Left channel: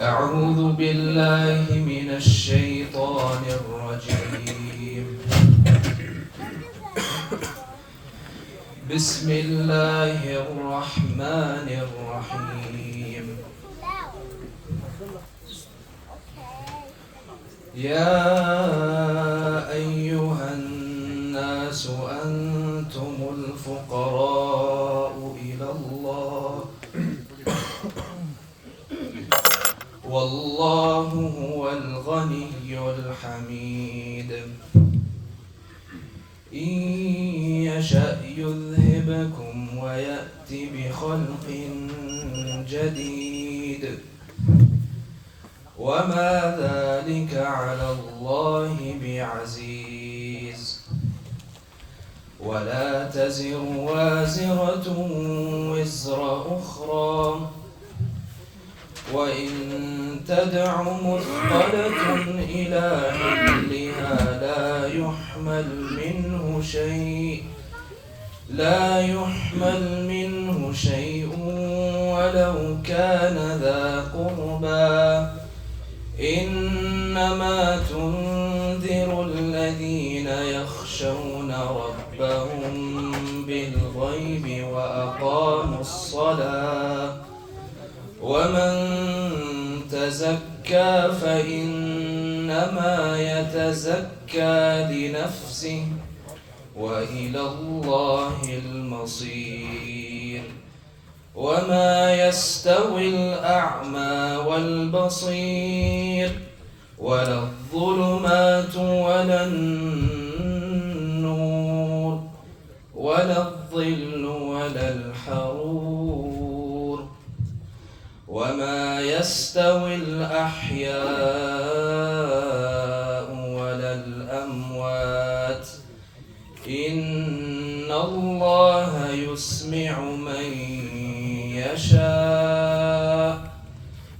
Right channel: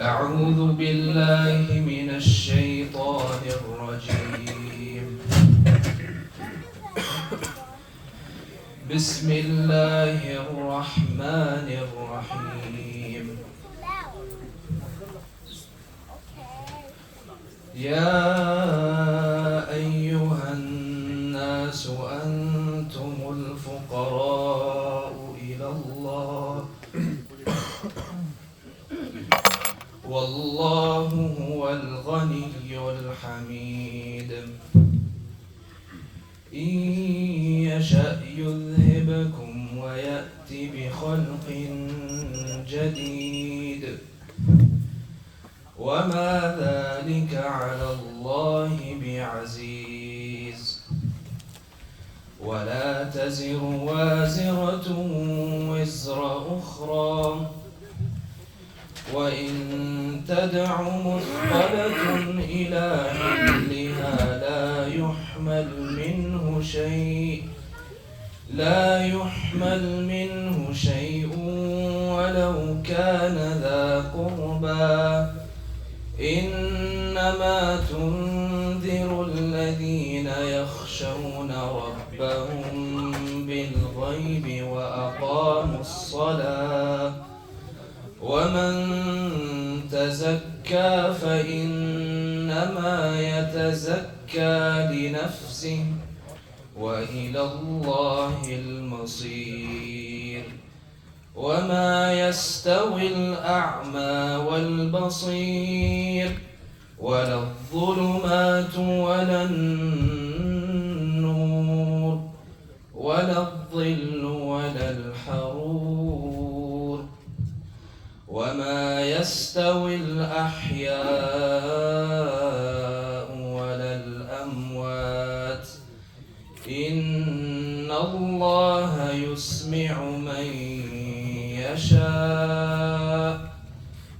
أعوذ بالله من الشيطان الرجيم. بسم الله الرحمن الرحيم. يا أيها الناس أنتم الفقراء إلى الله والله هو الغني الحميد. إن يشأ يذهبكم ويأت بخلق جديد وما ذلك على الله بعزيز. ولا تزر وازرة وزر أخرى وإن تدع مثقلة إلى حملها لا يحمل منه شيء ولو كان ذا قربى. إنما تنذر الذين يخشون ربهم بالغيب وأقاموا الصلاة ومن تزكى فإنما يتزكى لنفسه وإلى الله المصير. وما يستوي الأعمى والبصير ولا الظلمات ولا النور ولا الظل ولا الحرور. وما يستوي الأحياء ولا الأموات. إن الله يسمع من يشاء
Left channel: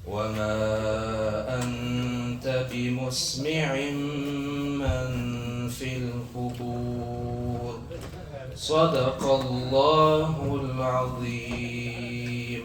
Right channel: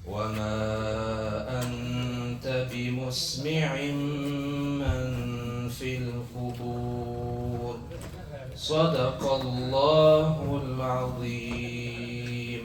وما أنت بمسمع من في القبور. صدق الله العظيم.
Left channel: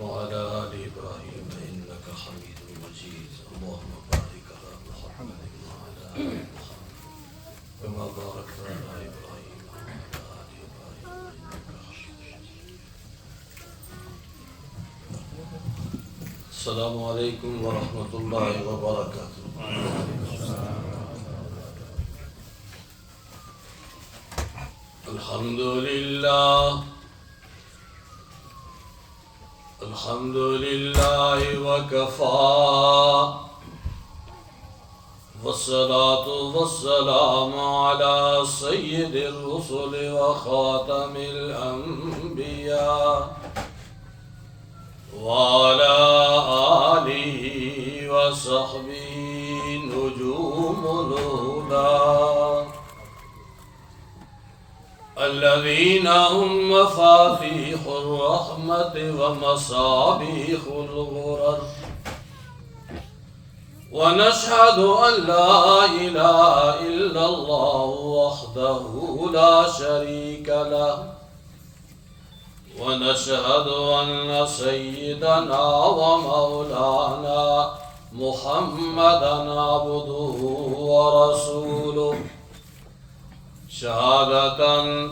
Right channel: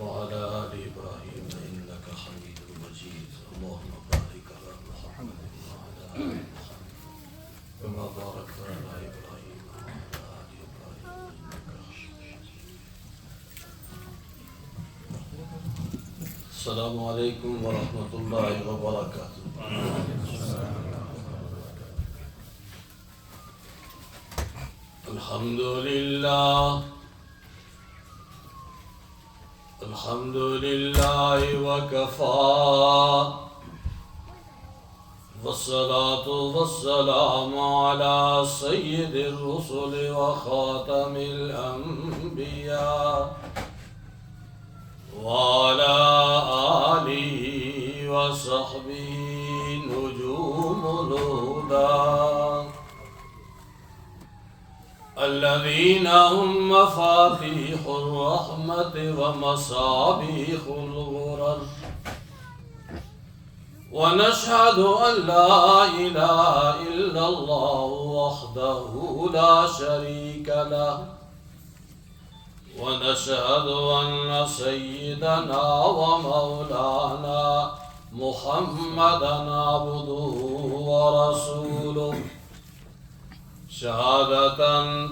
وعلى آل إبراهيم إنك حميد مجيد. اللهم بارك على محمد وعلى آل محمد كما باركت على إبراهيم وعلى آل إبراهيم إنك حميد مجيد. السلام عليكم ورحمة الله وبركاته. الحمد لله وكفى والصلاة والسلام على سيد الرسل وخاتم الأنبياء وعلى آله وصحبه نجوم الهدى الذين هم مفاتيح الرحمة ومصابيح الغرر. ونشهد أن لا إله إلا الله وحده لا شريك له. ونشهد أن سيدنا ومولانا محمدا عبده ورسوله شهادة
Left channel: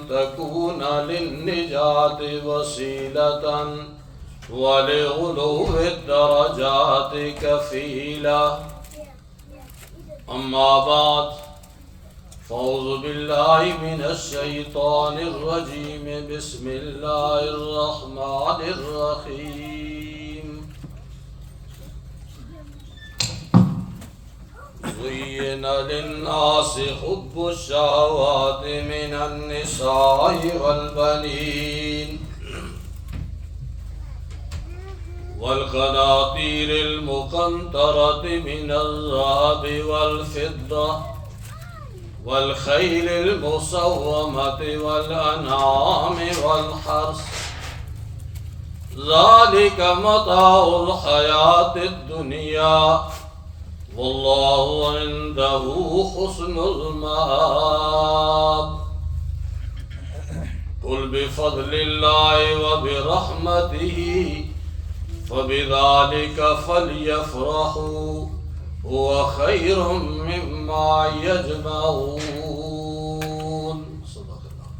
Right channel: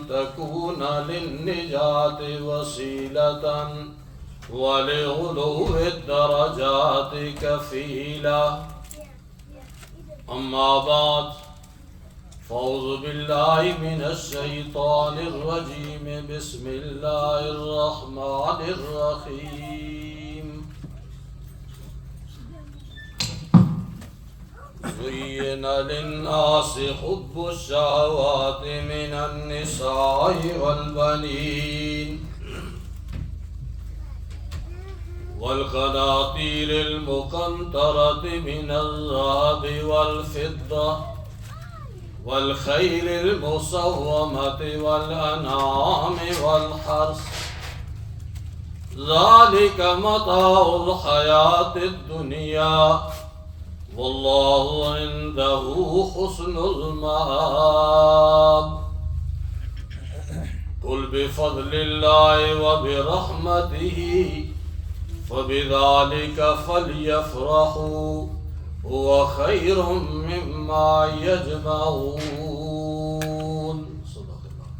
تكون للنجاة وسيلة ولعلو الدرجات كفيلة. أما بعد فأعوذ بالله من الشيطان الرجيم. بسم الله الرحمن الرحيم. زين للناس حب الشهوات من النساء والبنين والقناطير المقنطرة من الذهب والفضة والخيل المسومة والأنعام والحرث ذالک متاع الحیات الدنیا واللہ عندہ حسن المآب قل بفضل اللہ وبرحمتہ فبذلک فلیفرحوا هو خیر مما یجمعون۔ صدق اللہ۔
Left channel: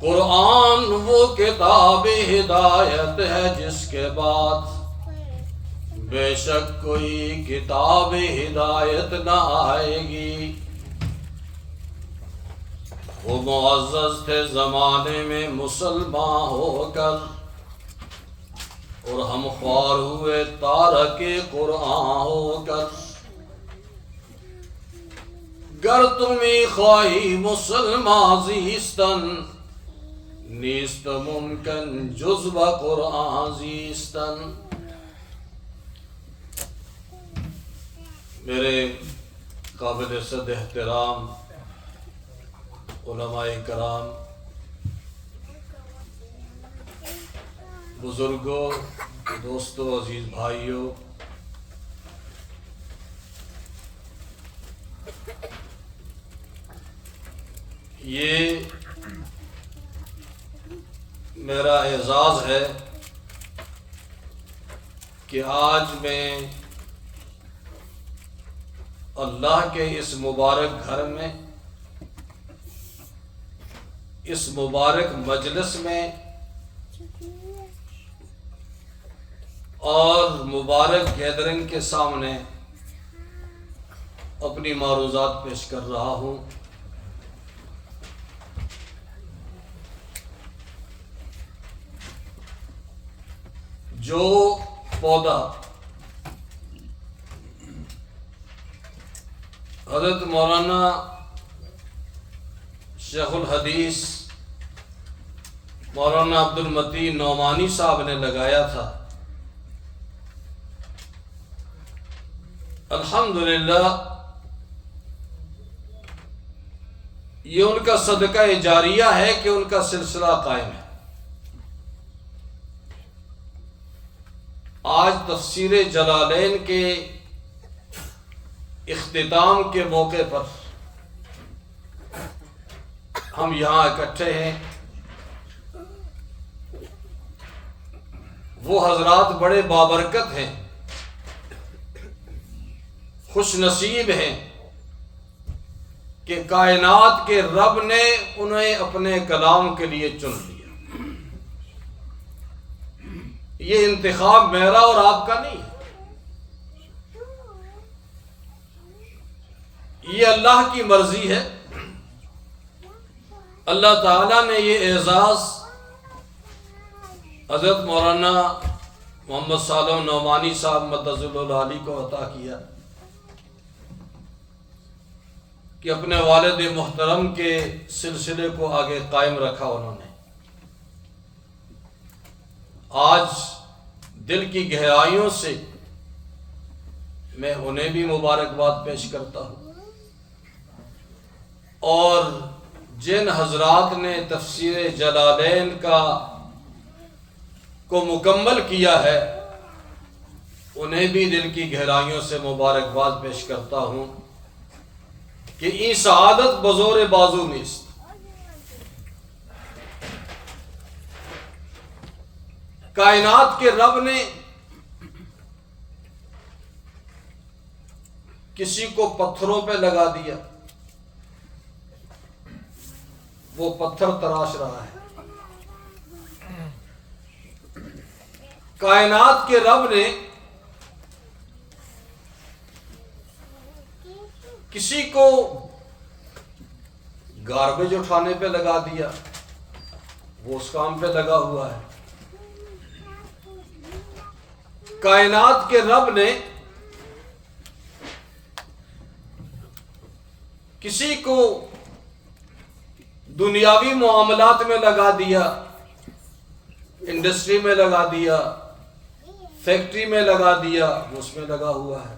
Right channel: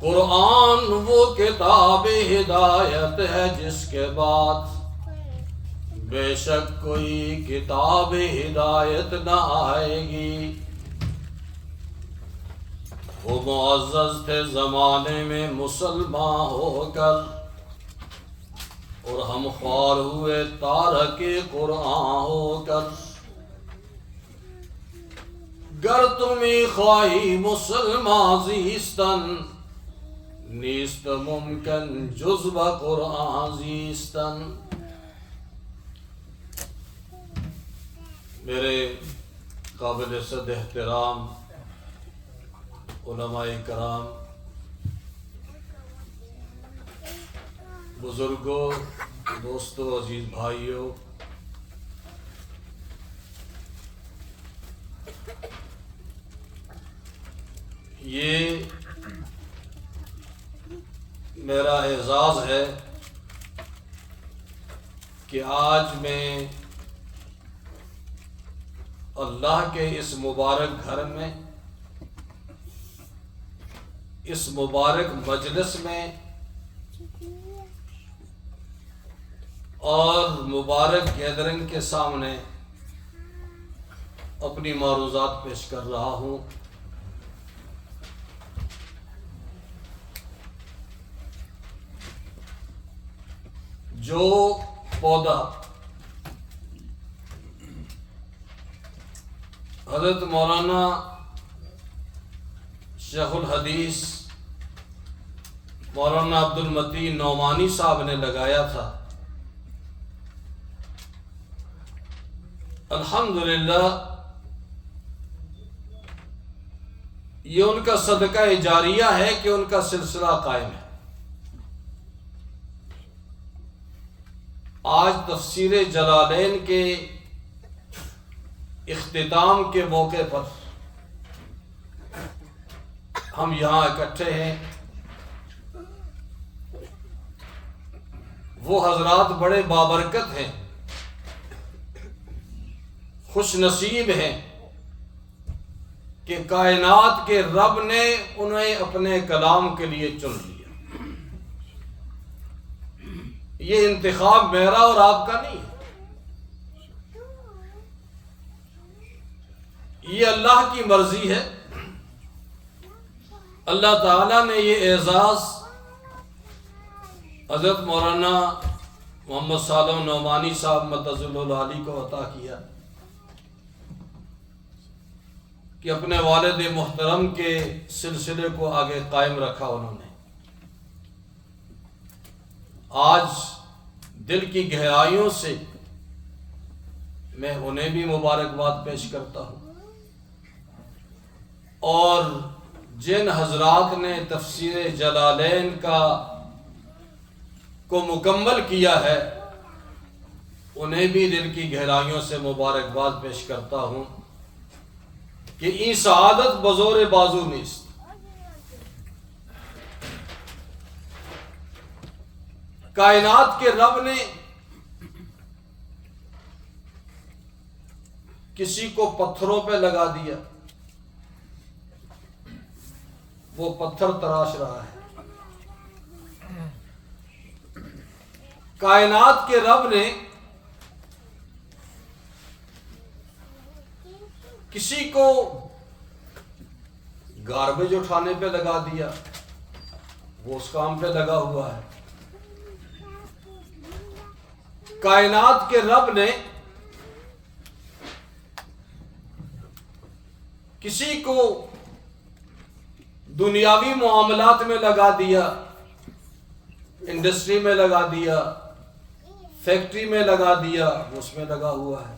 قرآن وہ کتاب ہدایت ہے جس کے بعد بے شک کوئی کتاب ہدایت نہ آئے گی۔ وہ معزز تھے زمانے میں مسلمان ہو کر، اور ہم خوار ہوئے تارک قرآن ہو کر۔ گر تمی خواہی مسلمان زیستن، نیست ممکن جز با قرآن زیستن۔ میرے قابل صد احترام علماء کرام، بزرگوں، دوستوں، عزیز بھائیوں، یہ میرا اعزاز ہے کہ آج میں اللہ کے اس مبارک گھر میں، اس مبارک مجلس میں اور مبارک گیدرنگ کے سامنے اپنی معروضات پیش کر رہا ہوں۔ جو پودا حضرت مولانا شیخ الحدیث مولانا عبد المتین نعمانی صاحب نے لگایا تھا، الحمدللہ یہ ان کا صدقہ جاریہ ہے کہ ان کا سلسلہ قائم ہے۔ آج تفسیر جلالین کے اختتام کے موقع پر ہم یہاں اکٹھے ہیں۔ وہ حضرات بڑے بابرکت ہیں، خوش نصیب ہیں کہ کائنات کے رب نے انہیں اپنے کلام کے لیے چن لیا۔ یہ انتخاب میرا اور آپ کا نہیں ہے، یہ اللہ کی مرضی ہے۔ اللہ تعالیٰ نے یہ اعزاز حضرت مولانا محمد صالح نعمانی صاحب مدظ العالی کو عطا کیا کہ اپنے والد محترم کے سلسلے کو آگے قائم رکھا انہوں نے۔ آج دل کی گہرائیوں سے میں انہیں بھی مبارکباد پیش کرتا ہوں، اور جن حضرات نے تفسیر جلالین کو مکمل کیا ہے انہیں بھی دل کی گہرائیوں سے مبارکباد پیش کرتا ہوں کہ این سعادت بزور بازو نیست۔ کائنات کے رب نے کسی کو پتھروں پہ لگا دیا، وہ پتھر تراش رہا ہے۔ کائنات کے رب نے کسی کو گاربیج اٹھانے پہ لگا دیا، وہ اس کام پہ لگا ہوا ہے۔ کائنات کے رب نے کسی کو دنیاوی معاملات میں لگا دیا، انڈسٹری میں لگا دیا، فیکٹری میں لگا دیا، وہ اس میں لگا ہوا ہے۔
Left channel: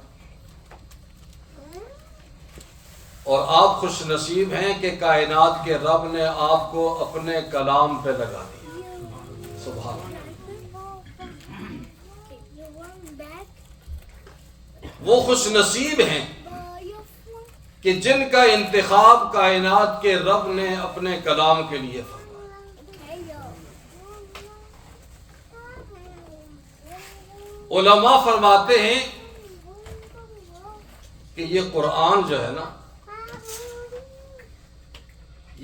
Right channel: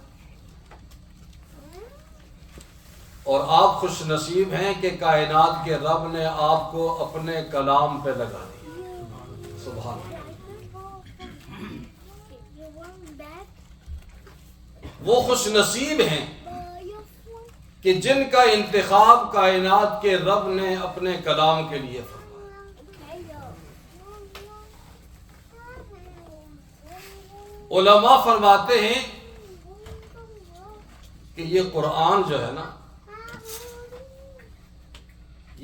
اور آپ خوش نصیب ہیں کہ کائنات کے رب نے آپ کو اپنے کلام پہ لگا دیا. سبحان اللہ. وہ خوش نصیب ہیں کہ جن کا انتخاب کائنات کے رب نے اپنے کلام کے لیے فرمایا. علماء فرماتے ہیں کہ یہ قرآن جو ہے نا،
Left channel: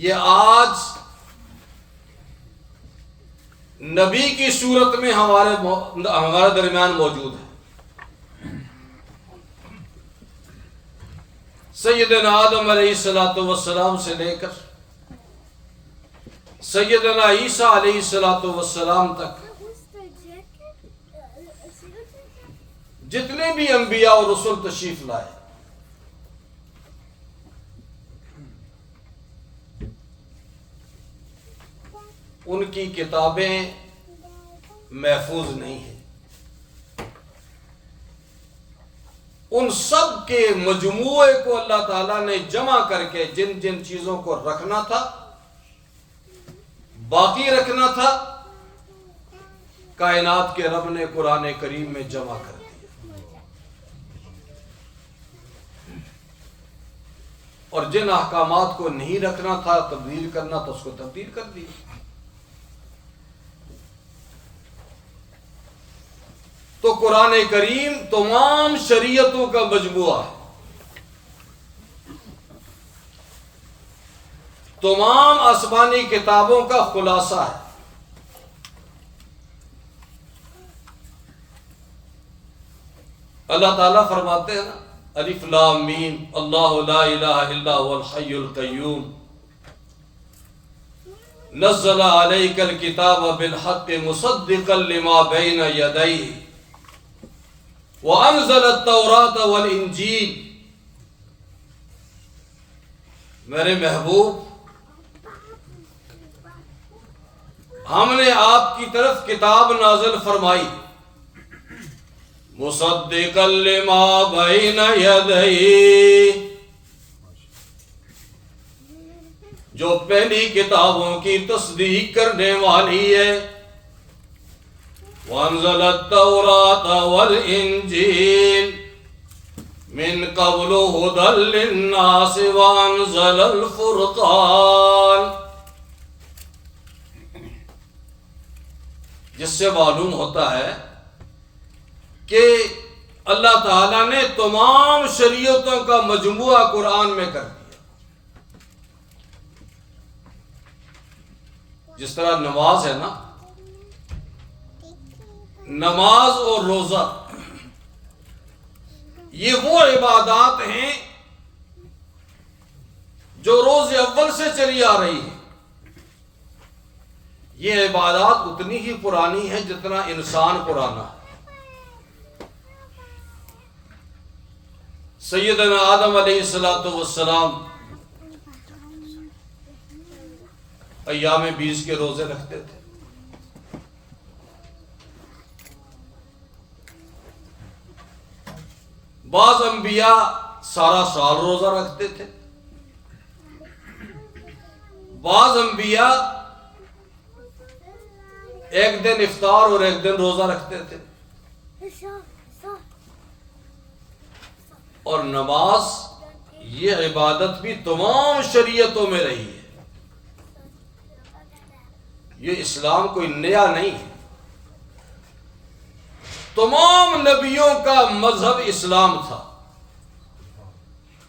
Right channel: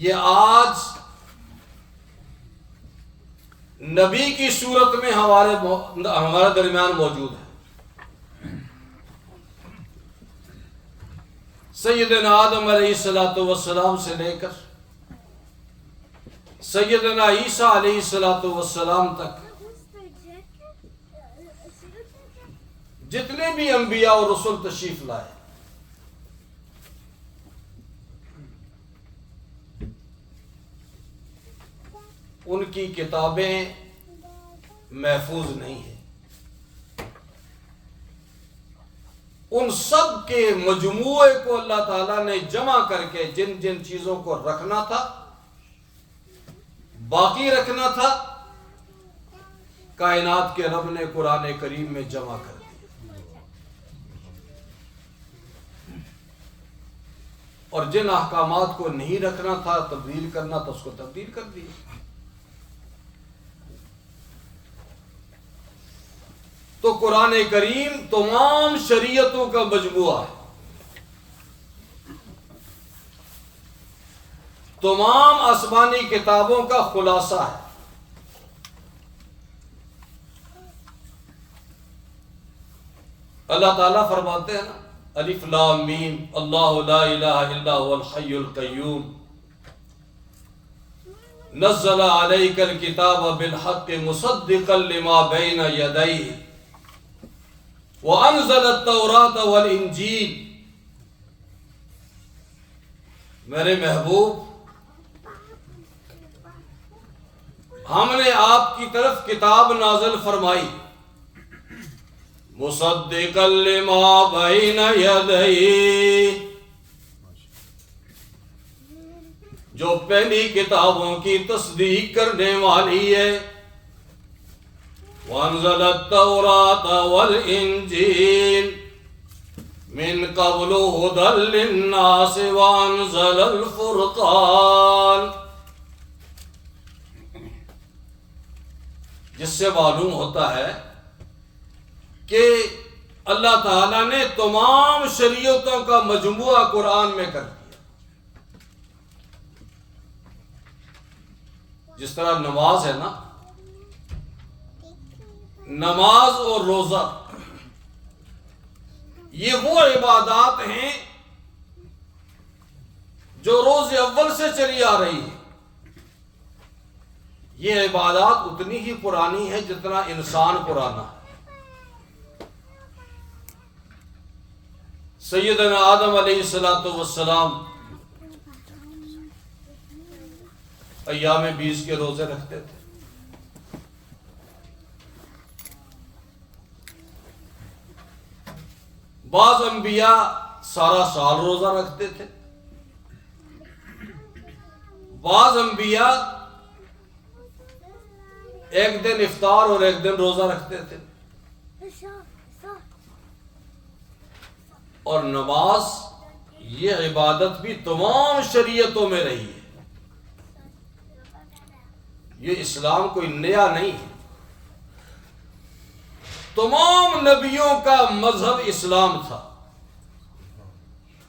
یہ آج نبی کی صورت میں ہمارے درمیان موجود ہے. سیدنا آدم علیہ السلام سے لے کر سیدنا عیسیٰ علیہ السلام تک جتنے بھی انبیاء اور رسول تشریف لائے، ان کی کتابیں محفوظ نہیں ہیں. ان سب کے مجموعے کو اللہ تعالیٰ نے جمع کر کے جن جن چیزوں کو رکھنا تھا، باقی رکھنا تھا، کائنات کے رب نے قرآن کریم میں جمع کر دیا. اور جن احکامات کو نہیں رکھنا تھا، تبدیل کرنا تھا، اس کو تبدیل کر دیا. تو قرآن کریم تمام شریعتوں کا مجموعہ ہے، تمام آسمانی کتابوں کا خلاصہ ہے. اللہ تعالیٰ فرماتے ہیں نا، الف لام میم اللہ لا الہ الا هو الحی القیوم نزل علیک الکتاب بالحق مصدقا لما بین یدیہ وَأَنزَلَ التَّوْرَاةَ وَالْإِنْجِيلَ. میرے محبوب، ہم نے آپ کی طرف کتاب نازل فرمائی، مُصَدِّقًا لِمَا بَيْنَ يَدَيْهِ، جو پہلی کتابوں کی تصدیق کرنے والی ہے. وَأَنزَلَ التَّوْرَاةَ وَالْإِنْجِيلَ مِنْ قَبْلُ هُدًى لِلنَّاسِ وَأَنزَلَ الْفُرْقَانَ. جس سے معلوم ہوتا ہے کہ اللہ تعالیٰ نے تمام شریعتوں کا مجموعہ قرآن میں کر دیا. جس طرح نماز ہے نا، نماز اور روزہ یہ وہ عبادات ہیں جو روز اول سے چلی آ رہی ہیں. یہ عبادات اتنی ہی پرانی ہے جتنا انسان پرانا ہے. سیدنا آدم علیہ السلام ایام 20 کے روزے رکھتے تھے. بعض انبیاء سارا سال روزہ رکھتے تھے. بعض انبیاء ایک دن افطار اور ایک دن روزہ رکھتے تھے. اور نماز یہ عبادت بھی تمام شریعتوں میں رہی ہے. یہ اسلام کوئی نیا نہیں ہے. تمام نبیوں کا مذہب اسلام تھا،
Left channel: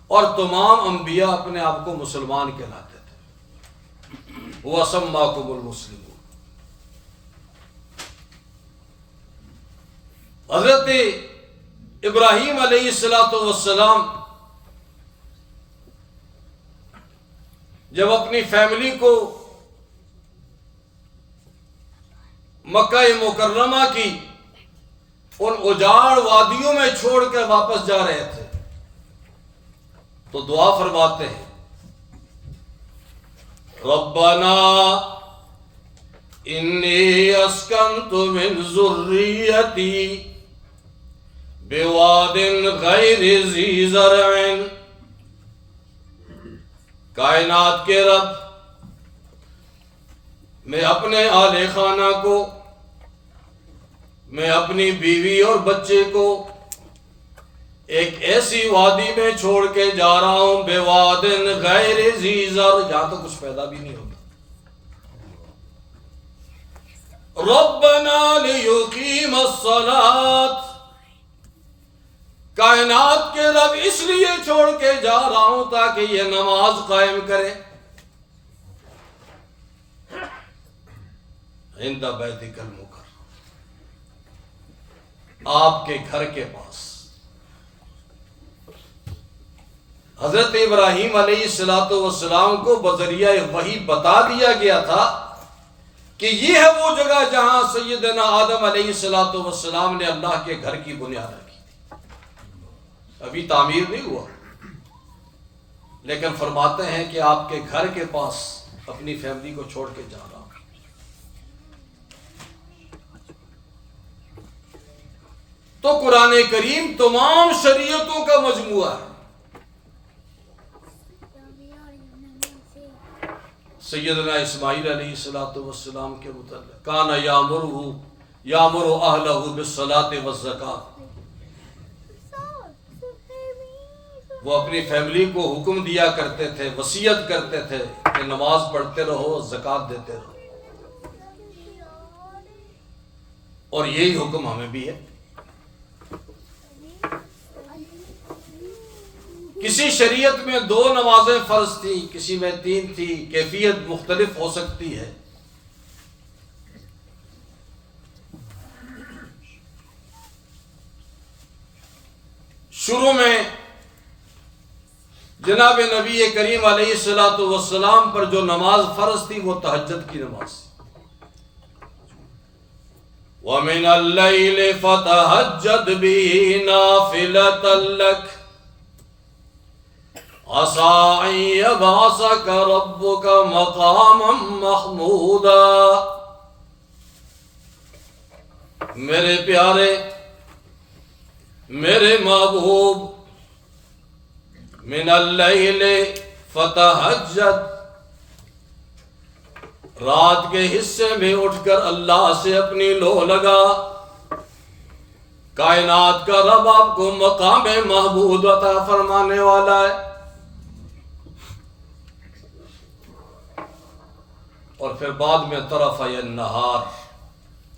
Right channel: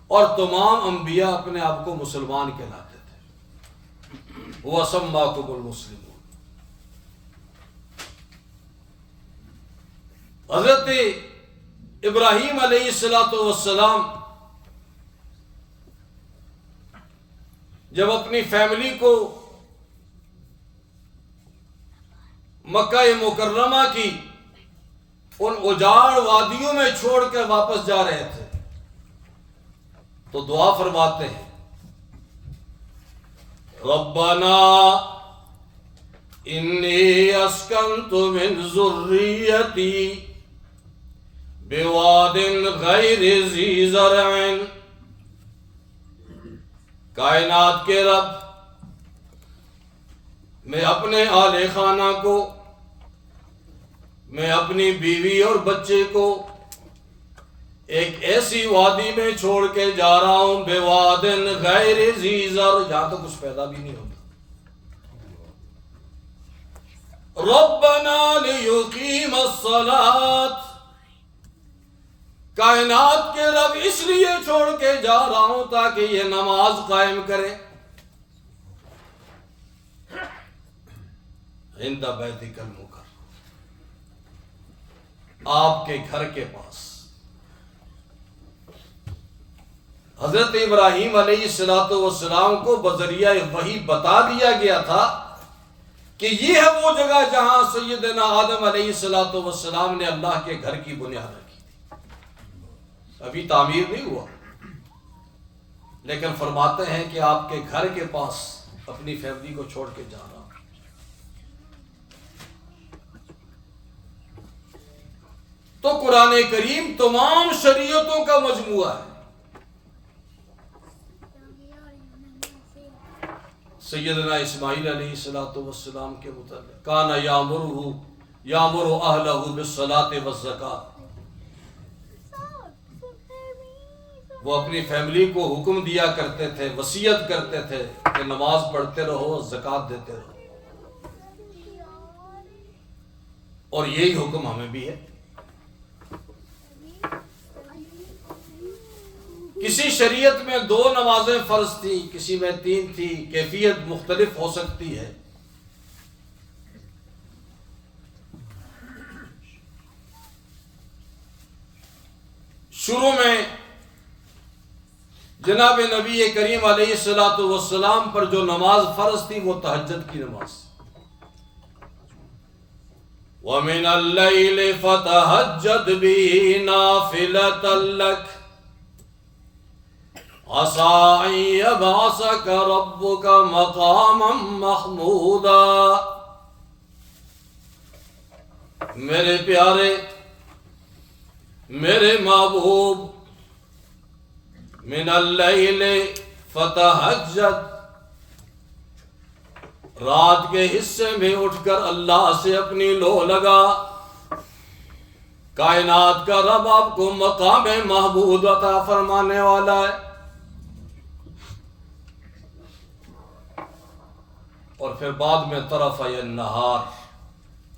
اور تمام انبیاء اپنے آپ کو مسلمان کہلاتے تھے. وَسَمَّاكُمُ الْمُسْلِمُونَ. حضرت ابراہیم علیہ السلام جب اپنی فیملی کو مکہ مکرمہ کی ان اجاڑ وادیوں میں چھوڑ کر واپس جا رہے تھے تو دعا فرماتے ہیں، ربنا انی اسکنت من ذریتی بواد غیر ذی زرع کائنات کے رب، میں اپنے آل خانہ کو، میں اپنی بیوی اور بچے کو ایک ایسی وادی میں چھوڑ کے جا رہا ہوں، بے وادن غیر ذی زر، یہاں تو کچھ پیدا بھی نہیں ہوتا۔ ربنا لیقیم الصلاۃ، کائنات کے رب اس لیے چھوڑ کے جا رہا ہوں تاکہ یہ نماز قائم کرے عند بیتک المکرم، آپ کے گھر کے پاس۔ حضرت ابراہیم علیہ السلام کو بذریعہ وحی بتا دیا گیا تھا کہ یہ ہے وہ جگہ جہاں سیدنا آدم علیہ السلام نے اللہ کے گھر کی بنیاد رکھی تھی۔ ابھی تعمیر نہیں ہوا، لیکن فرماتے ہیں کہ آپ کے گھر کے پاس اپنی فیملی کو چھوڑ کے جا رہا ہوں۔ تو قرآن کریم تمام شریعتوں کا مجموعہ ہے۔ سیدنا اسماعیل علیہ السلام کے متعلق کان یامر اہلہ بالصلاۃ والزکاۃ، وہ اپنی فیملی کو حکم دیا کرتے تھے، وصیت کرتے تھے کہ نماز پڑھتے رہو، زکوٰۃ دیتے رہو، اور یہی حکم ہمیں بھی ہے۔ کسی شریعت میں 2 نمازیں فرض تھی، کسی میں 3 تھی، کیفیت مختلف ہو سکتی ہے۔ شروع میں جناب نبی کریم علیہ السلام پر جو نماز فرض تھی وہ تہجد کی نماز تھی۔ وَمِنَ اللَّيْلِ فَتَهَجَّدْ بِهِ نَافِلَةً لَكَ عَسَىٰ أَن يَبْعَثَكَ رَبُّكَ مَقَامًا مَحْمُودًا۔ میرے پیارے، میرے محبوب، من اللیل فتہجد، رات کے حصے میں اٹھ کر اللہ سے اپنی لو لگا۔ کائنات کا رب آپ کو مقام محمود عطا فرمانے والا ہے۔ اور پھر بعد میں طرفی النہار،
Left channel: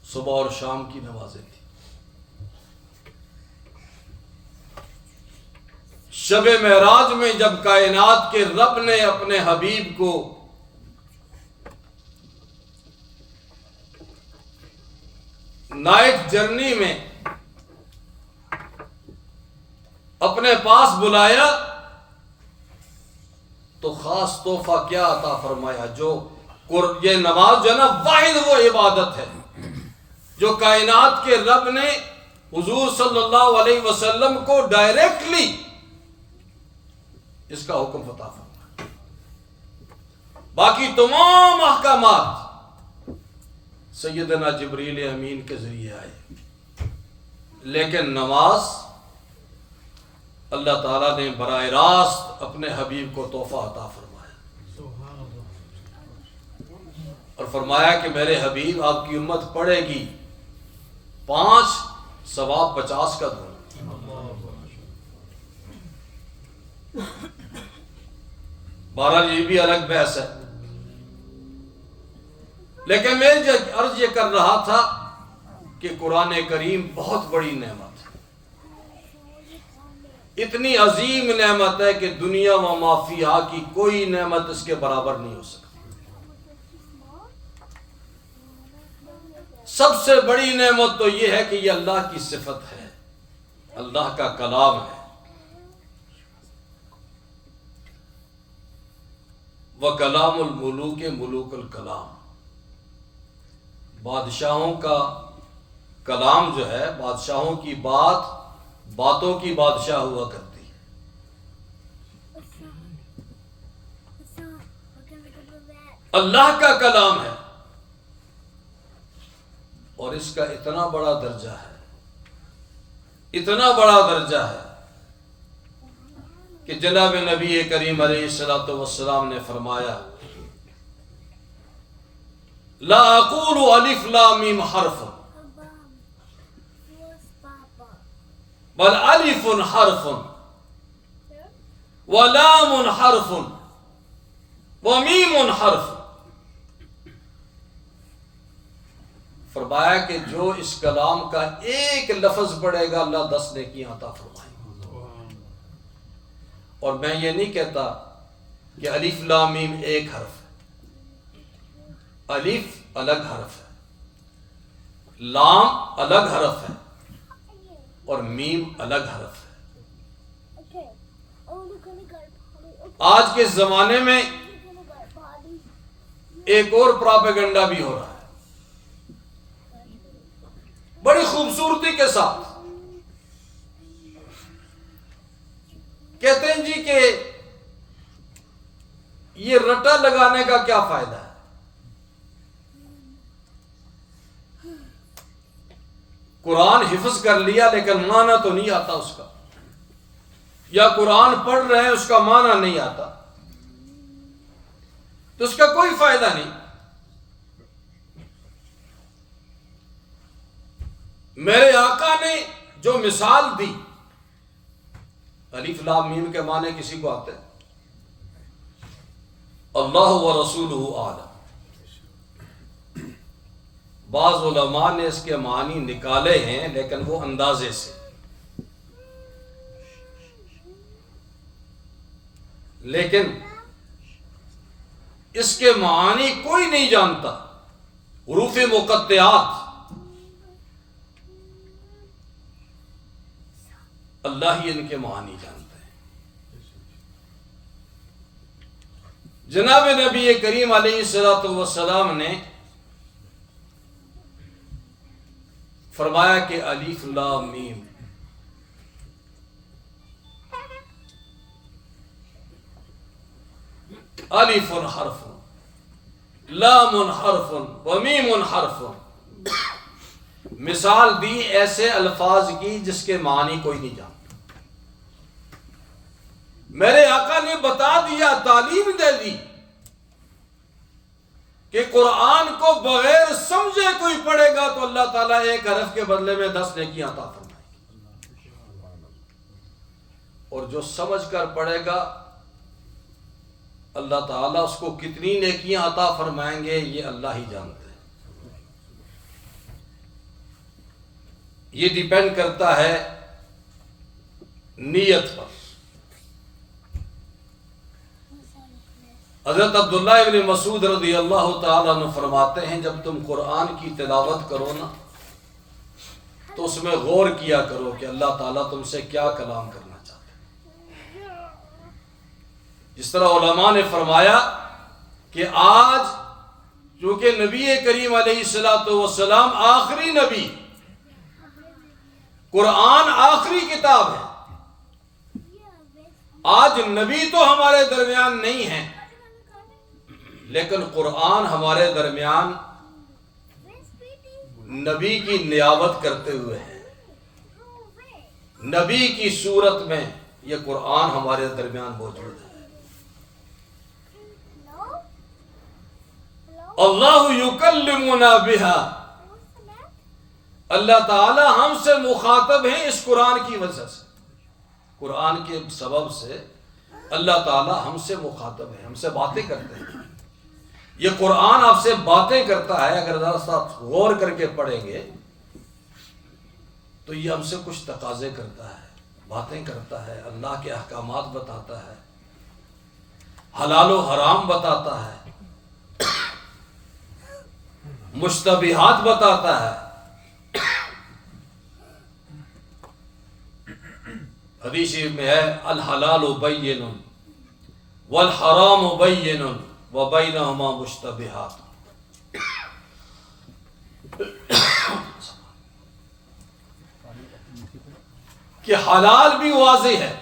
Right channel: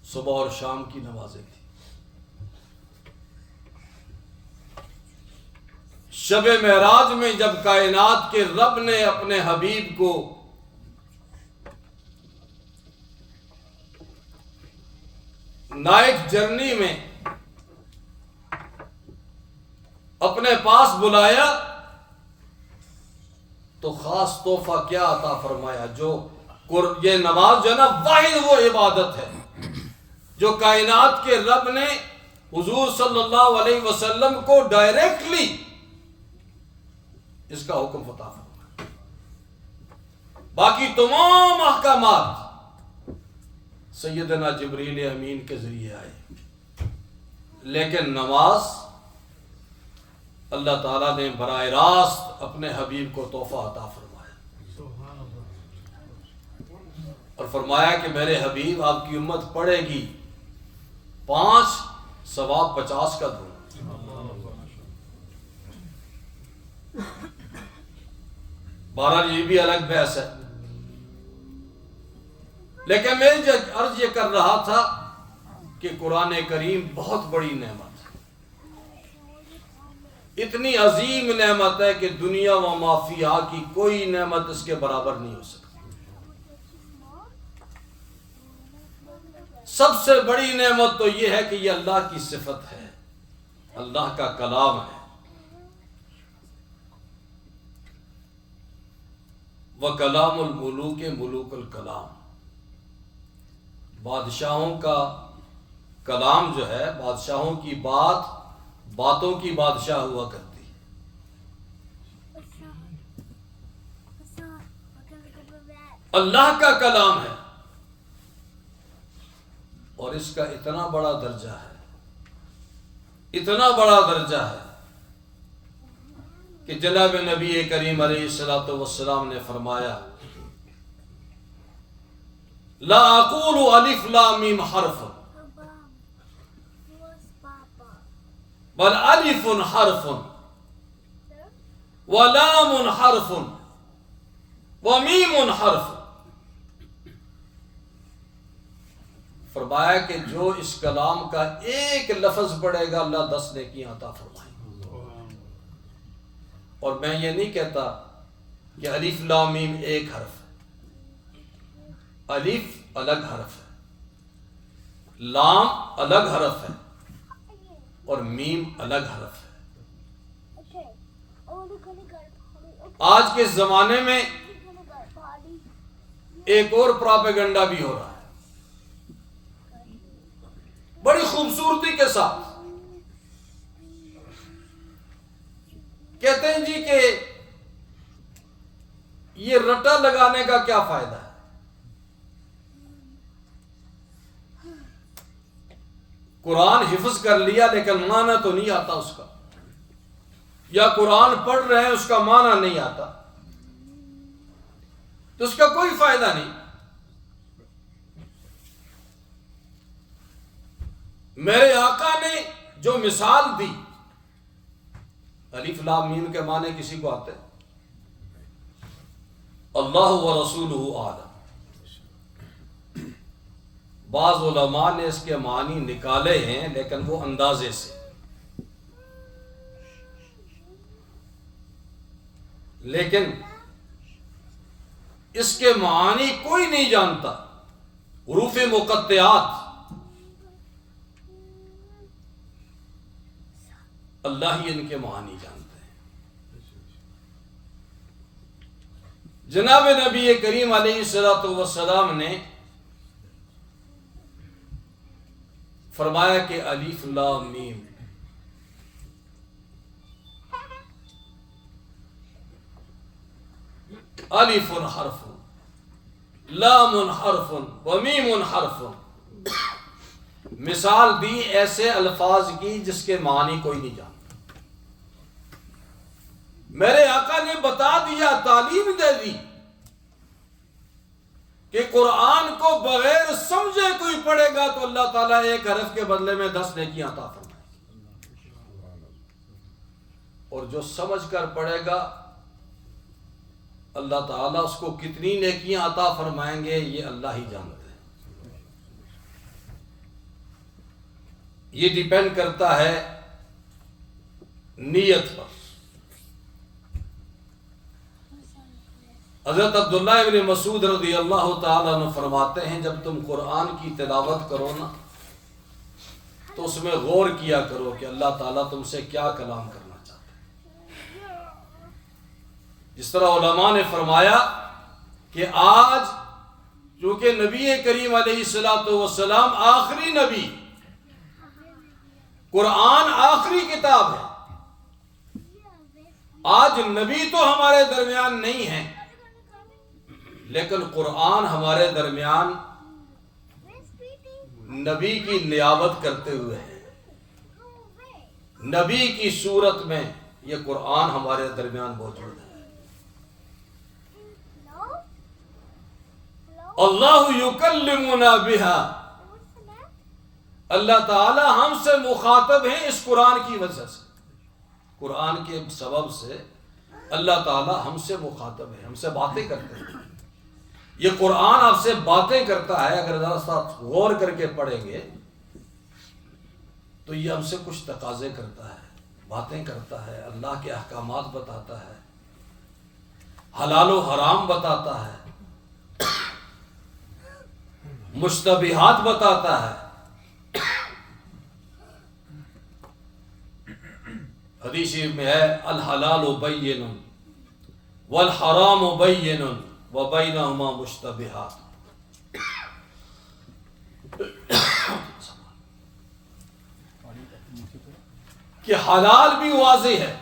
صبح اور شام کی نمازیں تھیں۔ شب معراج میں جب کائنات کے رب نے اپنے حبیب کو نائٹ جرنی میں اپنے پاس بلایا تو خاص تحفہ کیا عطا فرمایا؟ یہ نماز جو ہے نا، واحد وہ عبادت ہے جو کائنات کے رب نے حضور صلی اللہ علیہ وسلم کو ڈائریکٹلی اس کا حکم عطا فرمایا۔ باقی تمام احکامات سیدنا جبریل امین کے ذریعے آئے، لیکن نماز اللہ تعالیٰ نے براہ راست اپنے حبیب کو تحفہ عطا فرمایا، اور فرمایا کہ میرے حبیب آپ کی امت پڑھے گی 5 ثواب 50 کا دوں۔ بہرحال یہ بھی الگ بحث ہے، لیکن میں عرض یہ کر رہا تھا کہ قرآن کریم بہت بڑی نعمت ہے، اتنی عظیم نعمت ہے کہ دنیا و ما فیہا کی کوئی نعمت اس کے برابر نہیں ہو سکتی۔ سب سے بڑی نعمت تو یہ ہے کہ یہ اللہ کی صفت ہے، اللہ کا کلام ہے۔ وَكَلَامُ الْمُلُوكِ مُلُوكُ الْكَلَام، بادشاہوں کا کلام جو ہے، بادشاہوں کی بات باتوں کی بادشاہ ہوا کرتی ہے۔ اللہ کا کلام ہے، اور اس کا اتنا بڑا درجہ ہے، اتنا بڑا درجہ ہے کہ جناب نبی کریم علیہ الصلوۃ والسلام نے فرمایا لا اقول الف لام میم حرف بل الف حرف ولام حرف ومیم حرف. فرمایا کہ جو اس کلام کا ایک لفظ پڑھے گا اللہ 10 نیکیاں عطا فرمائے گا. اور میں یہ نہیں کہتا کہ الف لام میم ایک حرف ہے. الف الگ حرف ہے، لام الگ حرف ہے، اور میم الگ حرف ہے. آج کے زمانے میں ایک اور پراپیگنڈا بھی ہو رہا ہے بڑی خوبصورتی کے ساتھ. کہتے ہیں جی کہ یہ رٹا لگانے کا کیا فائدہ ہے؟ قرآن حفظ کر لیا لیکن معنی تو نہیں آتا اس کا، یا قرآن پڑھ رہے ہیں اس کا معنی نہیں آتا، تو اس کا کوئی فائدہ نہیں. میرے آقا نے جو مثال دی، الف لام میم کے معنی کسی کو آتے؟ اللہ و رسولہ اعلم. بعض علماء نے اس کے معنی نکالے ہیں لیکن وہ اندازے سے، لیکن اس کے معنی کوئی نہیں جانتا. حروف مقطعات اللہ ہی ان کے معنی جانتے ہیں. جناب نبی کریم علیہ الصلوۃ والسلام نے فرمایا کہ الف لام میم الف حرف لام حرف ومیم حرف. مثال دی ایسے الفاظ کی جس کے معنی کوئی نہیں جانتا. میرے آقا نے بتا دیا، تعلیم دے دی کہ قرآن کو بغیر سمجھے کوئی پڑھے گا تو اللہ تعالیٰ ایک حرف کے بدلے میں 10 نیکیاں عطا فرمائے گی، اور جو سمجھ کر پڑھے گا اللہ تعالیٰ اس کو کتنی نیکیاں عطا فرمائیں گے یہ اللہ ہی جانتے ہیں. یہ ڈیپینڈ کرتا ہے نیت پر. حضرت عبداللہ ابن مسعود رضی اللہ تعالیٰ عنہ فرماتے ہیں جب تم قرآن کی تلاوت کرو نا تو اس میں غور کیا کرو کہ اللہ تعالیٰ تم سے کیا کلام کرنا چاہتے ہیں. جس طرح علماء نے فرمایا کہ آج چونکہ نبی کریم علیہ الصلوۃ والسلام آخری نبی، قرآن آخری کتاب ہے، آج نبی تو ہمارے درمیان نہیں ہے لیکن قرآن ہمارے درمیان نبی کی نیابت کرتے ہوئے ہے. نبی کی صورت میں یہ قرآن ہمارے درمیان موجود ہے. اللہ یکلمنا بہا، اللہ تعالی ہم سے مخاطب ہیں اس قرآن کی وجہ سے. قرآن کے سبب سے اللہ تعالی ہم سے مخاطب ہے، ہم سے باتیں کرتے ہیں. یہ قرآن آپ سے باتیں کرتا ہے. اگر ذرا سا غور کر کے پڑھیں گے تو یہ ہم سے کچھ تقاضے کرتا ہے، باتیں کرتا ہے، اللہ کے احکامات بتاتا ہے، حلال و حرام بتاتا ہے، مشتبہات بتاتا ہے. حدیث میں ہے الحلال بین والحرام بین وبینہما مشتبہات. کہ حلال بھی واضح ہے،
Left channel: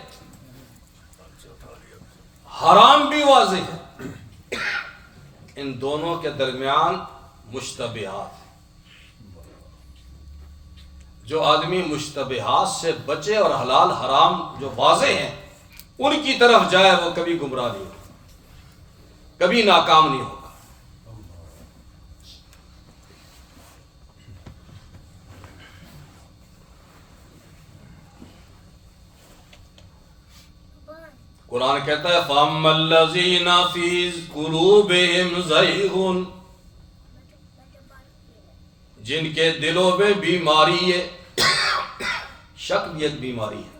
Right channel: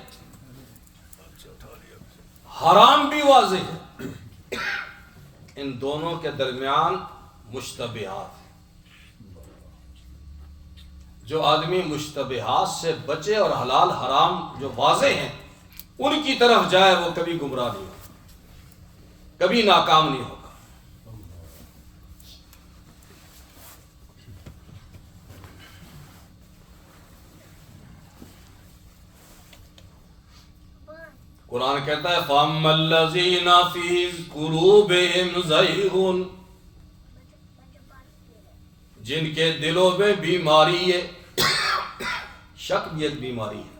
حرام بھی واضح ہے، ان دونوں کے درمیان مشتبہات. جو آدمی مشتبہات سے بچے اور حلال حرام جو واضح ہیں ان کی طرف جائے وہ کبھی گمراہ نہیں ہوگا، کبھی ناکام نہیں ہوگا۔ قرآن کہتا ہے فَأَمَّا الَّذِينَ فِي قُلُوبِهِمْ زَيْغٌ، جن کے دلوں میں بیماری ہے، شک بھی ایک بیماری ہے۔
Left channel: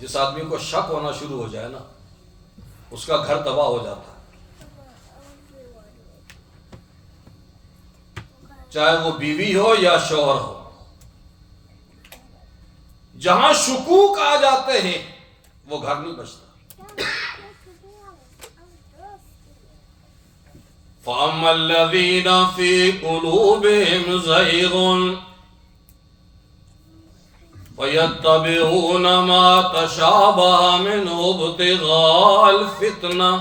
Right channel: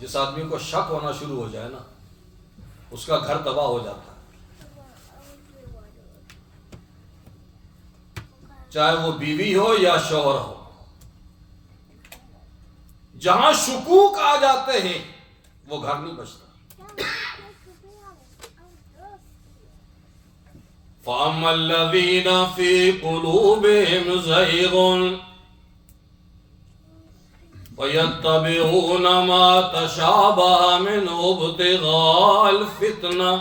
جس آدمی کو شک ہونا شروع ہو جائے نا، اس کا گھر تباہ ہو جاتا ہے، چاہے وہ بیوی ہو یا شوہر ہو۔ جہاں شکوک آ جاتے ہیں وہ گھر نہیں بچتا۔ فَأَمَّا الَّذِينَ فِي قُلُوبِهِمْ زَيْغٌ فَيَتَّبِعُونَ مَا تَشَابَهَ مِنْهُ ابْتِغَاءَ الْفِتْنَةِ،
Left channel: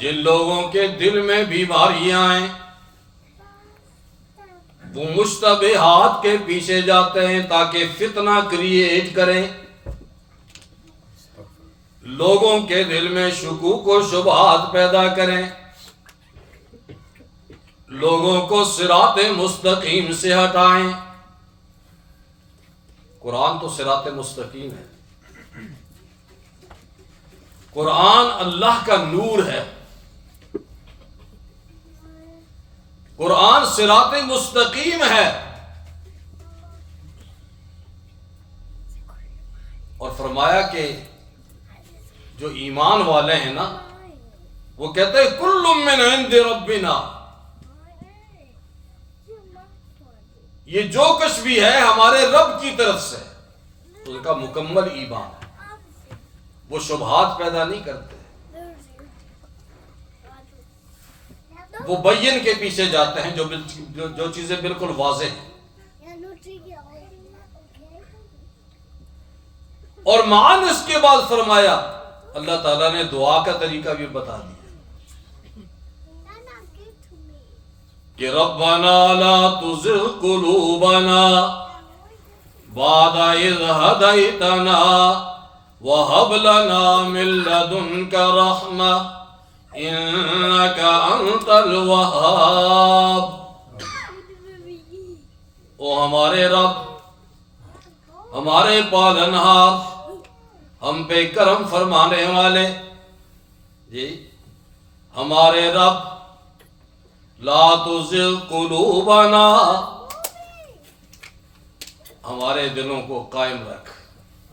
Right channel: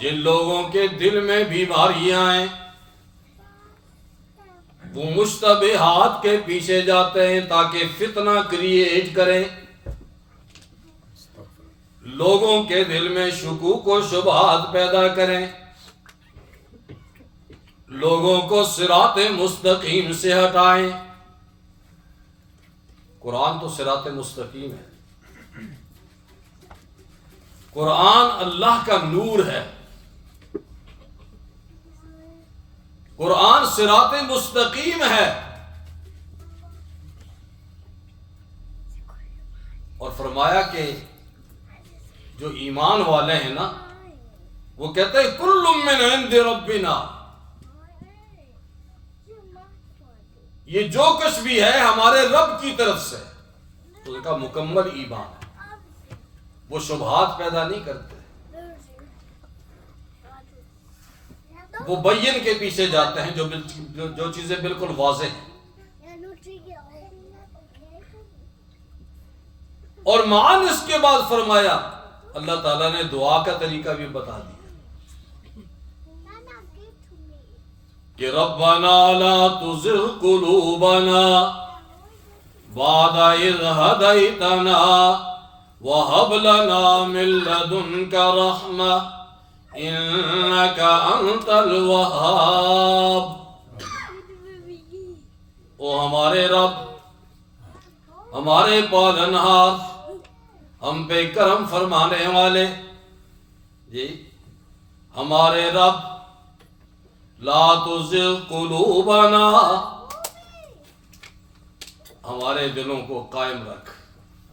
جن لوگوں کے دل میں بیماریاں ہیں وہ مشتبہات کے پیچھے جاتے ہیں تاکہ فتنہ کریٹ کریں، لوگوں کے دل میں شکوک و شبہات پیدا کریں، لوگوں کو صراط مستقیم سے ہٹائیں۔ قرآن تو صراط مستقیم ہے، قرآن اللہ کا نور ہے، قرآن صراط مستقیم ہے۔ اور فرمایا کہ جو ایمان والے ہیں نا، وہ کہتے ہیں کل من عند ربنا، یہ جو کچھ بھی ہے ہمارے رب کی طرف سے، ان کا مکمل ایمان ہے، وہ شبہات پیدا نہیں کرتے، وہ بین کے پیچھے جاتے ہیں جو چیزیں بالکل واضح ہیں۔ اور معاً اس کے بعد فرمایا، اللہ تعالیٰ نے دعا کا طریقہ بھی بتا دیا کہ ربنا لا تزغ قلوبنا بعد اذ ہدیتنا وہب لنا من لدنک رحمہ انک انت الوہاب۔ او ہمارے رب، ہمارے پالنہار، ہم پہ کرم فرمانے والے، جی ہمارے رب، لا تزغ قلوبنا، ہمارے دلوں کو قائم رکھ،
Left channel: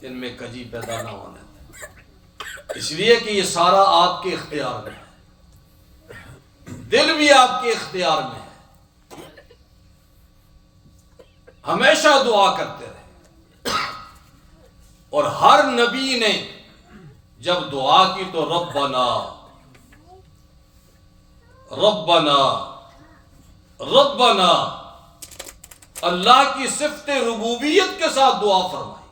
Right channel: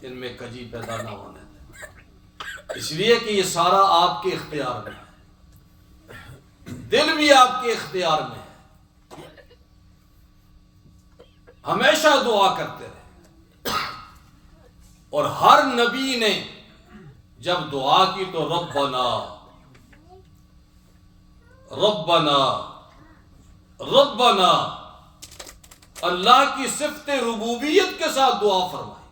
ان میں کجی پیدا نہ ہونے دے، اس لیے کہ یہ سارا آپ کے اختیار میں ہے، دل بھی آپ کے اختیار میں ہے۔ ہمیشہ دعا کرتے رہے، اور ہر نبی نے جب دعا کی تو ربنا ربنا ربنا، اللہ کی صفت ربوبیت کے ساتھ دعا فرمائی۔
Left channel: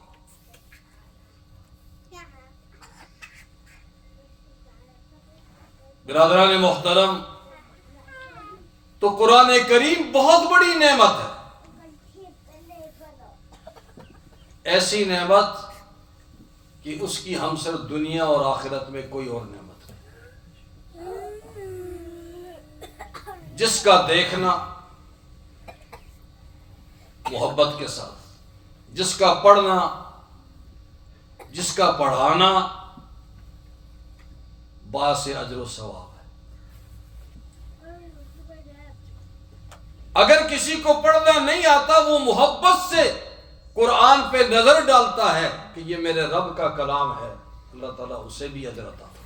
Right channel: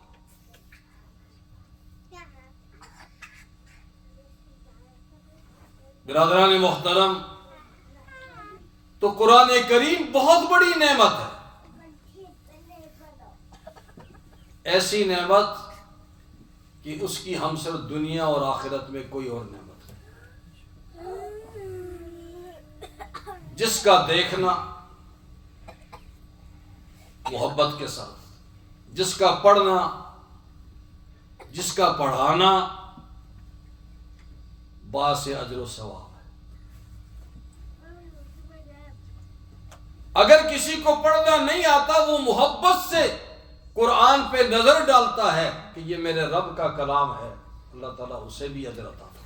برادران محترم، تو قرآن کریم بہت بڑی نعمت ہے، ایسی نعمت کہ اس کی ہم صرف دنیا اور آخرت میں کوئی اور نعمت نہیں، جس کا دیکھنا محبت کے ساتھ، جس کا پڑھنا، جس کا پڑھانا باعث اجر و ثواب ہے۔ اگر کسی کو پڑھنا نہیں آتا، وہ محبت سے قرآن پہ نظر ڈالتا ہے کہ یہ میرے رب کا کلام ہے، اللہ تعالیٰ اسے بھی اجر عطا فرمائے۔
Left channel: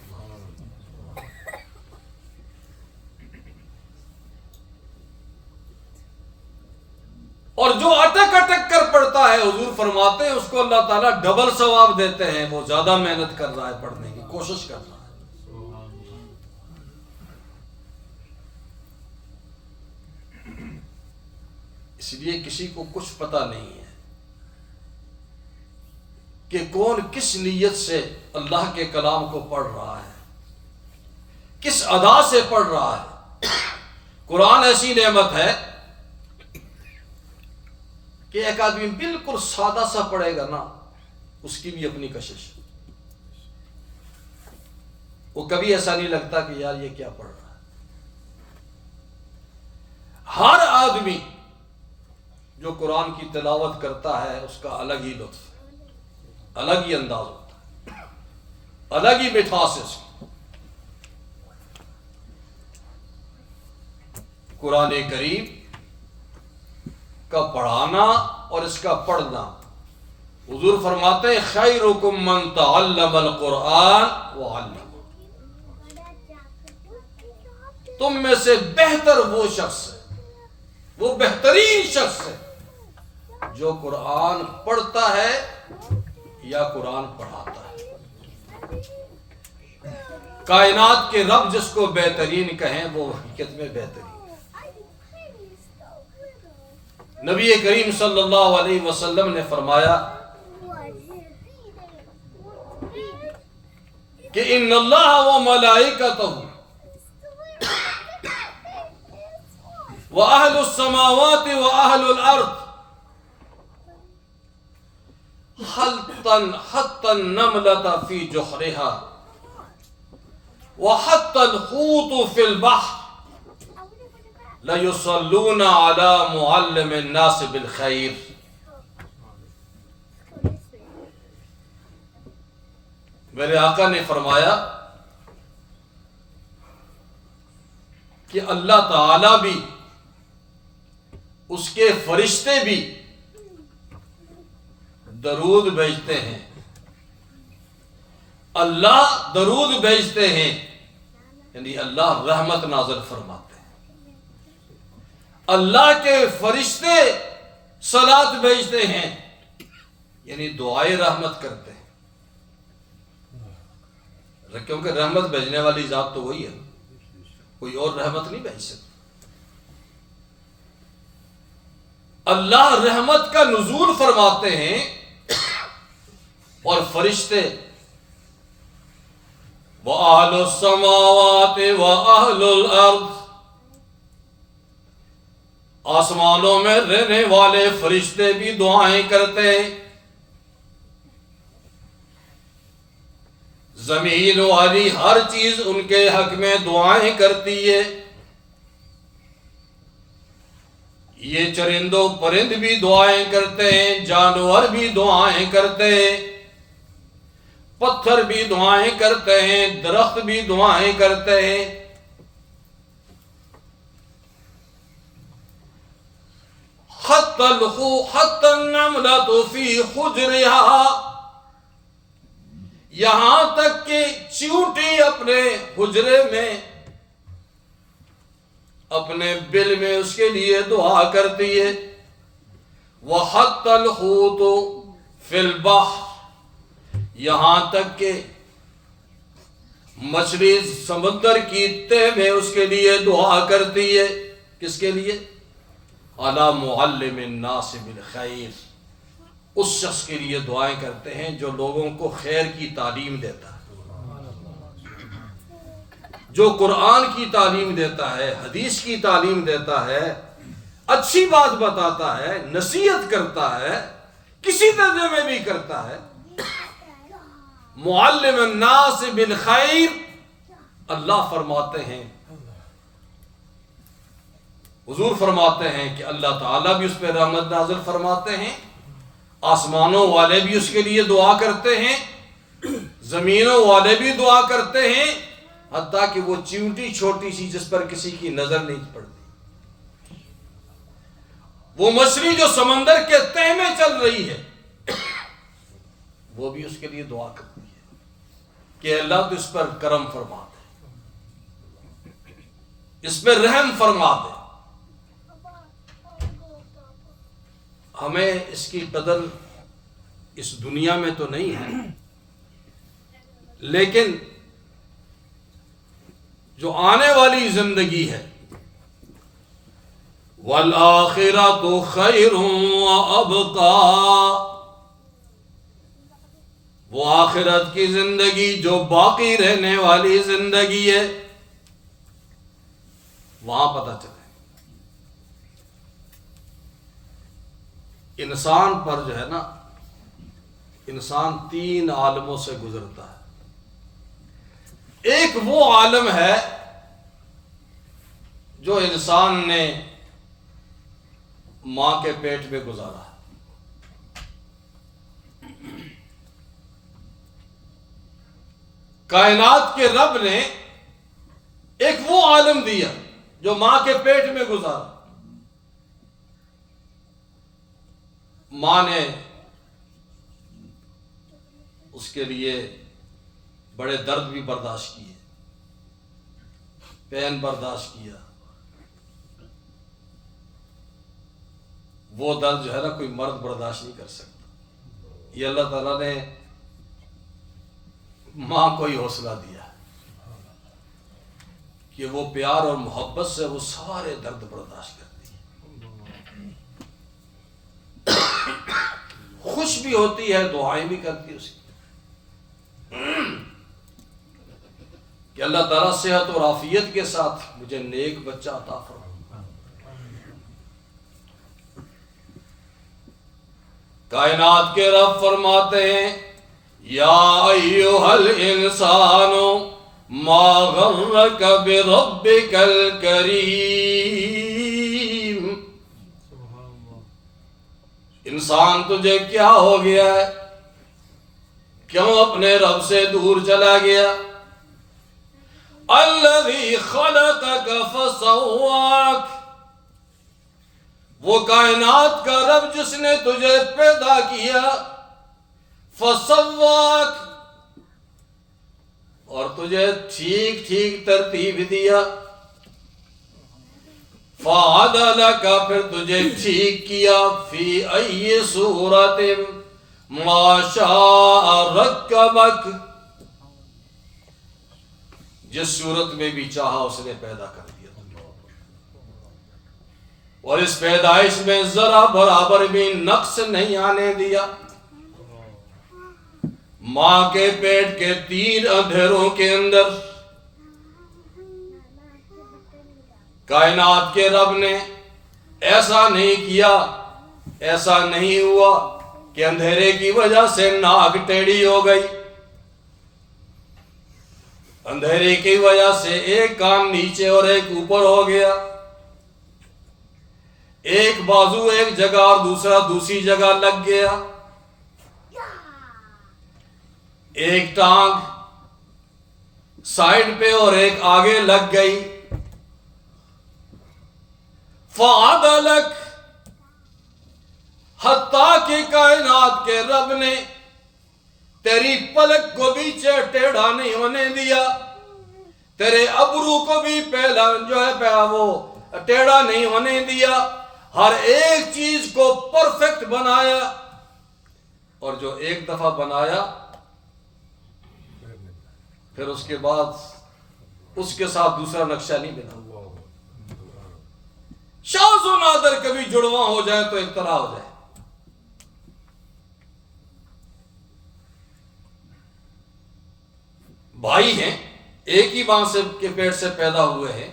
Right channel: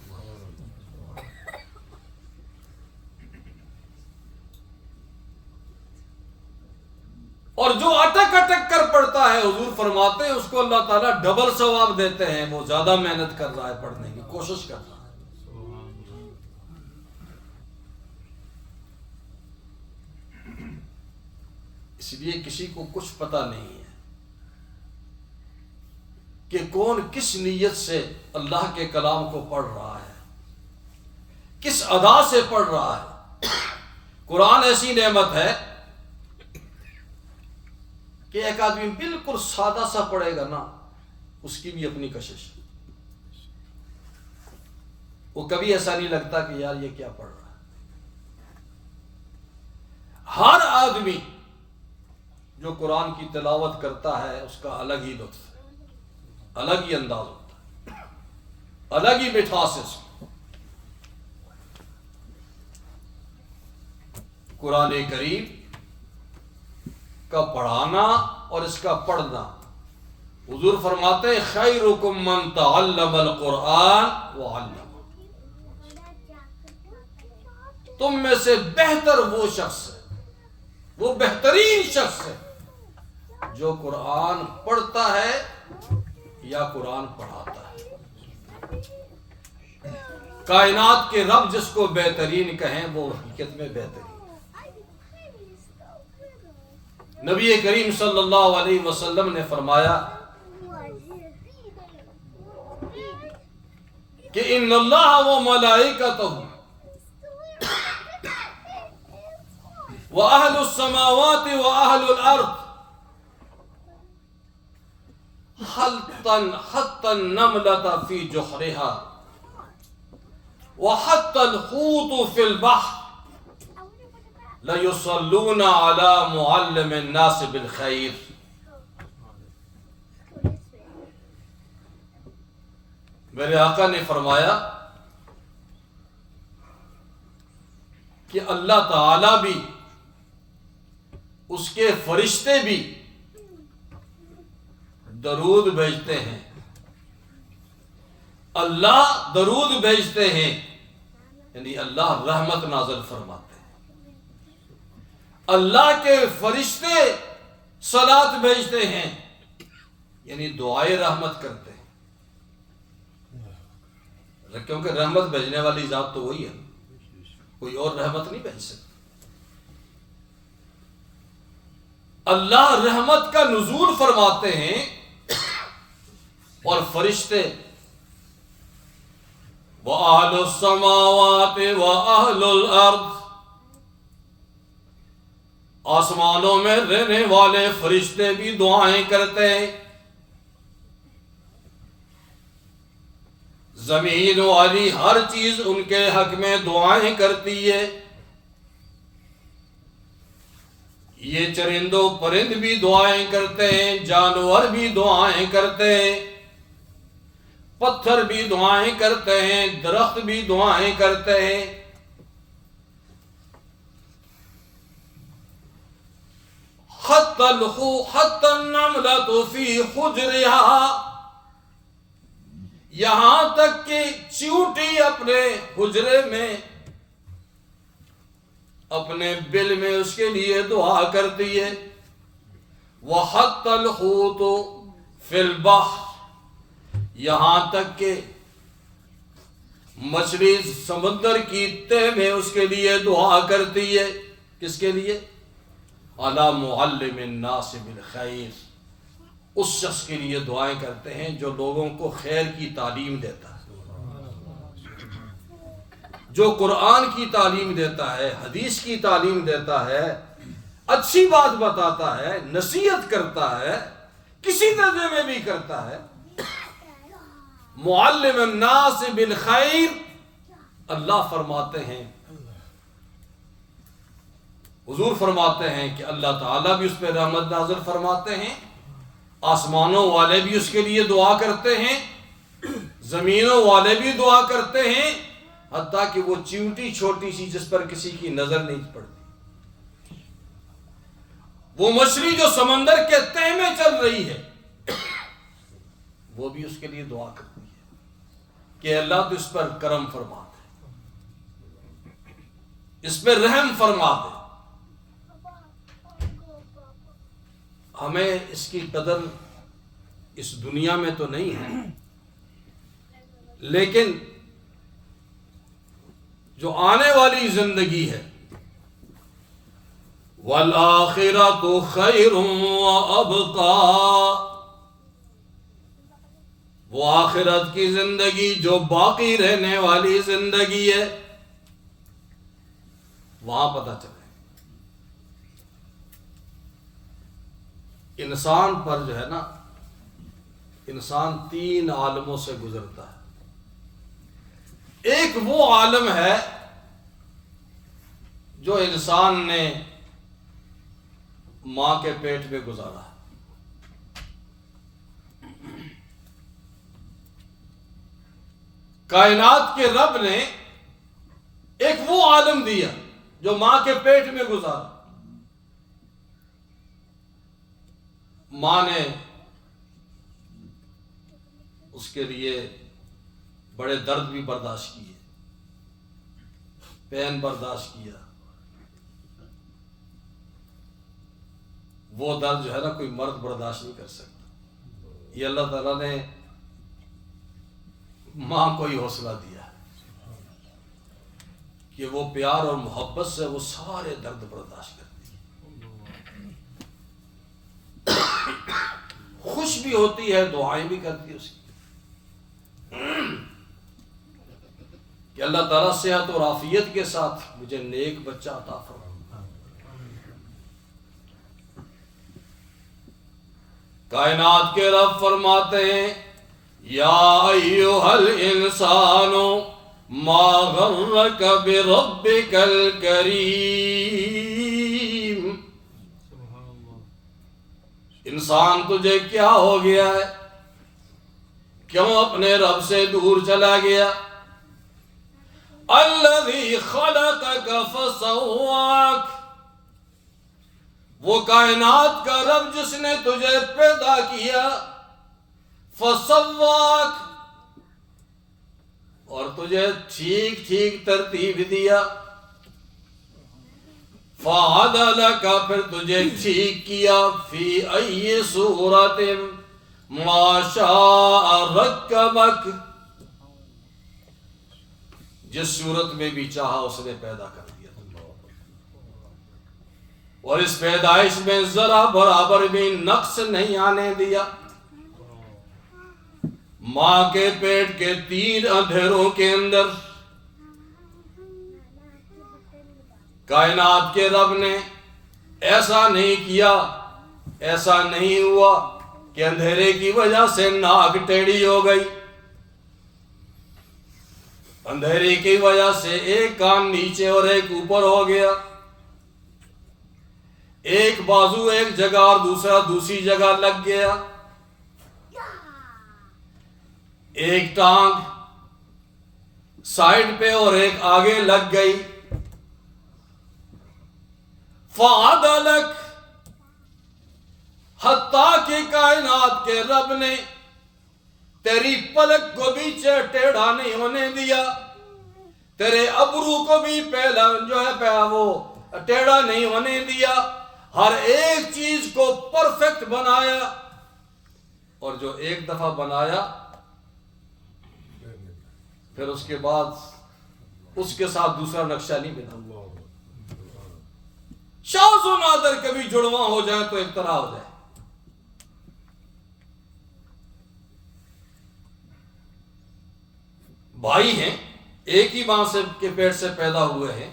اور جو اٹک اٹک کر پڑھتا ہے، حضور فرماتے ہیں اس کو اللہ تعالیٰ ڈبل ثواب دیتے ہیں، وہ زیادہ محنت کر رہا ہے، پڑھنے کی کوشش کر رہا ہے۔ اس لیے کسی کو کچھ پتہ نہیں ہے کہ کون کس نیت سے اللہ کے کلام کو پڑھ رہا ہے، کس ادا سے پڑھ رہا ہے۔ قرآن ایسی نعمت ہے کہ ایک آدمی بالکل سادہ سا پڑھے گا نا، اس کی بھی اپنی کشش ہے، وہ کبھی ایسا نہیں لگتا کہ یار یہ کیا پڑھ رہا ہے۔ ہر آدمی جو قرآن کی تلاوت کرتا ہے اس کا الگ ہی لطف ہے، الگ ہی انداز ہوتا ہے، الگ ہی مٹھاس ہے اس کی۔ قرآن کریم کا پڑھانا اور اس کا پڑھنا، حضور فرماتے ہیں خیرکم من تعلم القرآن وعلم، تم میں سے بہتر وہ شخص ہے، وہ بہترین شخص ہے جو قرآن پڑھتا ہے یا قرآن پڑھاتا ہے۔ کائنات کے رب جس کو بہترین کہیں وہ حقیقت میں بہترین۔ نبی کریم صلی اللہ علیہ وسلم نے فرمایا کہ ان اللہ و ملائکتہ و اہل السماوات و اہل الارض حتی النملة فی جحرها وحتی الحوت فی البحر لَيُصَلُّونَ عَلَى مُعَلِّمِ النَّاسِ بِالْخَيْرِ۔ میرے آقا نے فرمایا کہ اللہ تعالی بھی، اس کے فرشتے بھی درود بھیجتے ہیں، اللہ درود بھیجتے ہیں، یعنی اللہ رحمت نازل فرماتے ہیں، اللہ کے فرشتے صلات بھیجتے ہیں، یعنی دعائے رحمت کرتے ہیں، کیونکہ رحمت بھیجنے والی ذات تو وہی ہے، کوئی اور رحمت نہیں بھیج سکتا۔ اللہ رحمت کا نزول فرماتے ہیں اور فرشتے وَأَهْلُ السَّمَاوَاتِ وَأَهْلُ الْأَرْضِ، آسمانوں میں رہنے والے فرشتے بھی دعائیں کرتے ہیں، زمین والی ہر چیز ان کے حق میں دعائیں کرتی ہے، یہ چرند و پرند بھی دعائیں کرتے ہیں، جانور بھی دعائیں کرتے ہیں، پتھر بھی دعائیں کرتے ہیں، درخت بھی دعائیں کرتے ہیں، حتی النملة فی حجرها، یہاں تک کہ چیونٹی اپنے حجرے میں، اپنے بل میں اس کے لیے دعا کرتی ہے، وحتی الحوت فی البحر، یہاں تک کہ مچھلی سمندر کی تہ میں اس کے لیے دعا کرتی ہے، کس کے لیے؟ علی معلم الناس بالخیر، اس شخص کے لیے دعائیں کرتے ہیں جو لوگوں کو خیر کی تعلیم دیتا ہے، جو قرآن کی تعلیم دیتا ہے، حدیث کی تعلیم دیتا ہے، اچھی بات بتاتا ہے، نصیحت کرتا ہے، کسی درجے میں بھی کرتا ہے، معلم الناس بالخیر۔ اللہ فرماتے ہیں، حضور فرماتے ہیں کہ اللہ تعالیٰ بھی اس پہ رحمت نازل فرماتے ہیں، آسمانوں والے بھی اس کے لیے دعا کرتے ہیں، زمینوں والے بھی دعا کرتے ہیں، حتیٰ کہ وہ چیونٹی چھوٹی سی جس پر کسی کی نظر نہیں پڑتی، وہ مچھلی جو سمندر کے تہ میں چل رہی ہے، وہ بھی اس کے لیے دعا کرتی ہے کہ اللہ تو اس پر کرم فرما دے، اس پہ رحم فرما دے۔ ہمیں اس کی قدر اس دنیا میں تو نہیں ہے، لیکن جو آنے والی زندگی ہے، وَالْآخِرَةُ خَيْرٌ وَأَبْقَىٰ، وہ آخرت کی زندگی جو باقی رہنے والی زندگی ہے، وہاں پتہ چلے۔ انسان پر جو ہے نا، انسان 3 عالموں سے گزرتا ہے۔ ایک وہ عالم ہے جو انسان نے ماں کے پیٹ میں گزارا ہے۔ کائنات کے رب نے ایک وہ عالم دیا جو ماں کے پیٹ میں گزارا۔ ماں نے اس کے لیے بڑے درد بھی برداشت کیے، پین برداشت کیا۔ وہ درد جو ہے نا کوئی مرد برداشت نہیں کر سکتا۔ یہ اللہ تعالیٰ نے ماں کو ہی حوصلہ دیا کہ وہ پیار اور محبت سے وہ سارے درد برداشت کرتی ہے، خوش بھی ہوتی ہے، دعائیں بھی کرتی ہے اس کی کہ اللہ تعالیٰ صحت اور عافیت کے ساتھ مجھے نیک بچہ عطا فرما۔ کائنات کے رب فرماتے ہیں یا ایھا الانسان ما غرک بربک الکریم۔ انسان تجھے کیا ہو گیا ہے، کیوں اپنے رب سے دور چلا گیا؟ الذی خلقک فسواک، وہ کائنات کا رب جس نے تجھے پیدا کیا، فسواک، اور تجھے ٹھیک ٹھیک ترتیب دیا، فعدلک، پھر تجھے ٹھیک کیا، فی ای صورت ما شاء رکبک، جس صورت میں بھی چاہا اس نے پیدا کر دیا تمہیں، اور اس پیدائش میں ذرا برابر بھی نقص نہیں آنے دیا۔ ماں کے پیٹ کے 3 اندھیروں کے اندر کائنات کے رب نے ایسا نہیں کیا، ایسا نہیں ہوا کہ اندھیرے کی وجہ سے ناک ٹیڑھی ہو گئی، اندھیرے کی وجہ سے ایک کان نیچے اور ایک اوپر ہو گیا، ایک بازو ایک جگہ اور دوسرا دوسری جگہ لگ گیا، ایک ٹانگ سائیڈ پہ اور ایک آگے لگ گئی۔ فعدلک، حتیٰ کہ کائنات کے رب نے تیری پلک کو بھی ٹیڑھا نہیں ہونے دیا، تیرے ابرو کو بھی پہلا جو ہے وہ ٹیڑھا نہیں ہونے دیا، ہر ایک چیز کو پرفیکٹ بنایا، اور جو ایک دفعہ بنایا پھر اس کے بعد اس کے ساتھ دوسرا نقشہ نہیں بنا۔ شاذ و نادر کبھی جڑواں ہو جائے تو ایک طرح ہو جائے۔ بھائی ہیں، ایک ہی ماں سے کے پیٹ سے پیدا ہوئے ہیں،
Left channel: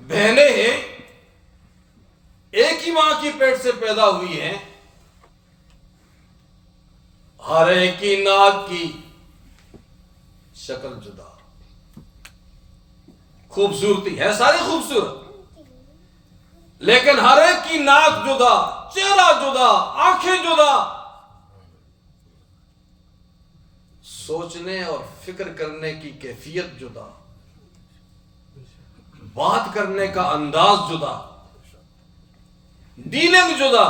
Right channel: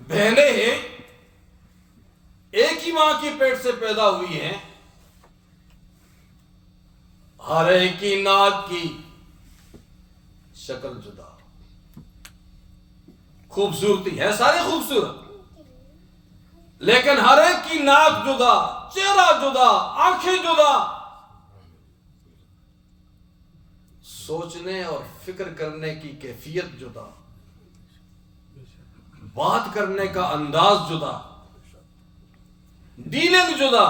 بہنیں ہیں، ایک ہی ماں کی پیٹ سے پیدا ہوئی ہیں، ہر ایک کی ناک کی شکل جدا، خوبصورتی ہے ساری خوبصورت، لیکن ہر ایک کی ناک جدا، چہرہ جدا، آنکھیں جدا، سوچنے اور فکر کرنے کی کیفیت جدا، بات کرنے کا انداز جدا، ڈیلنگ جدا۔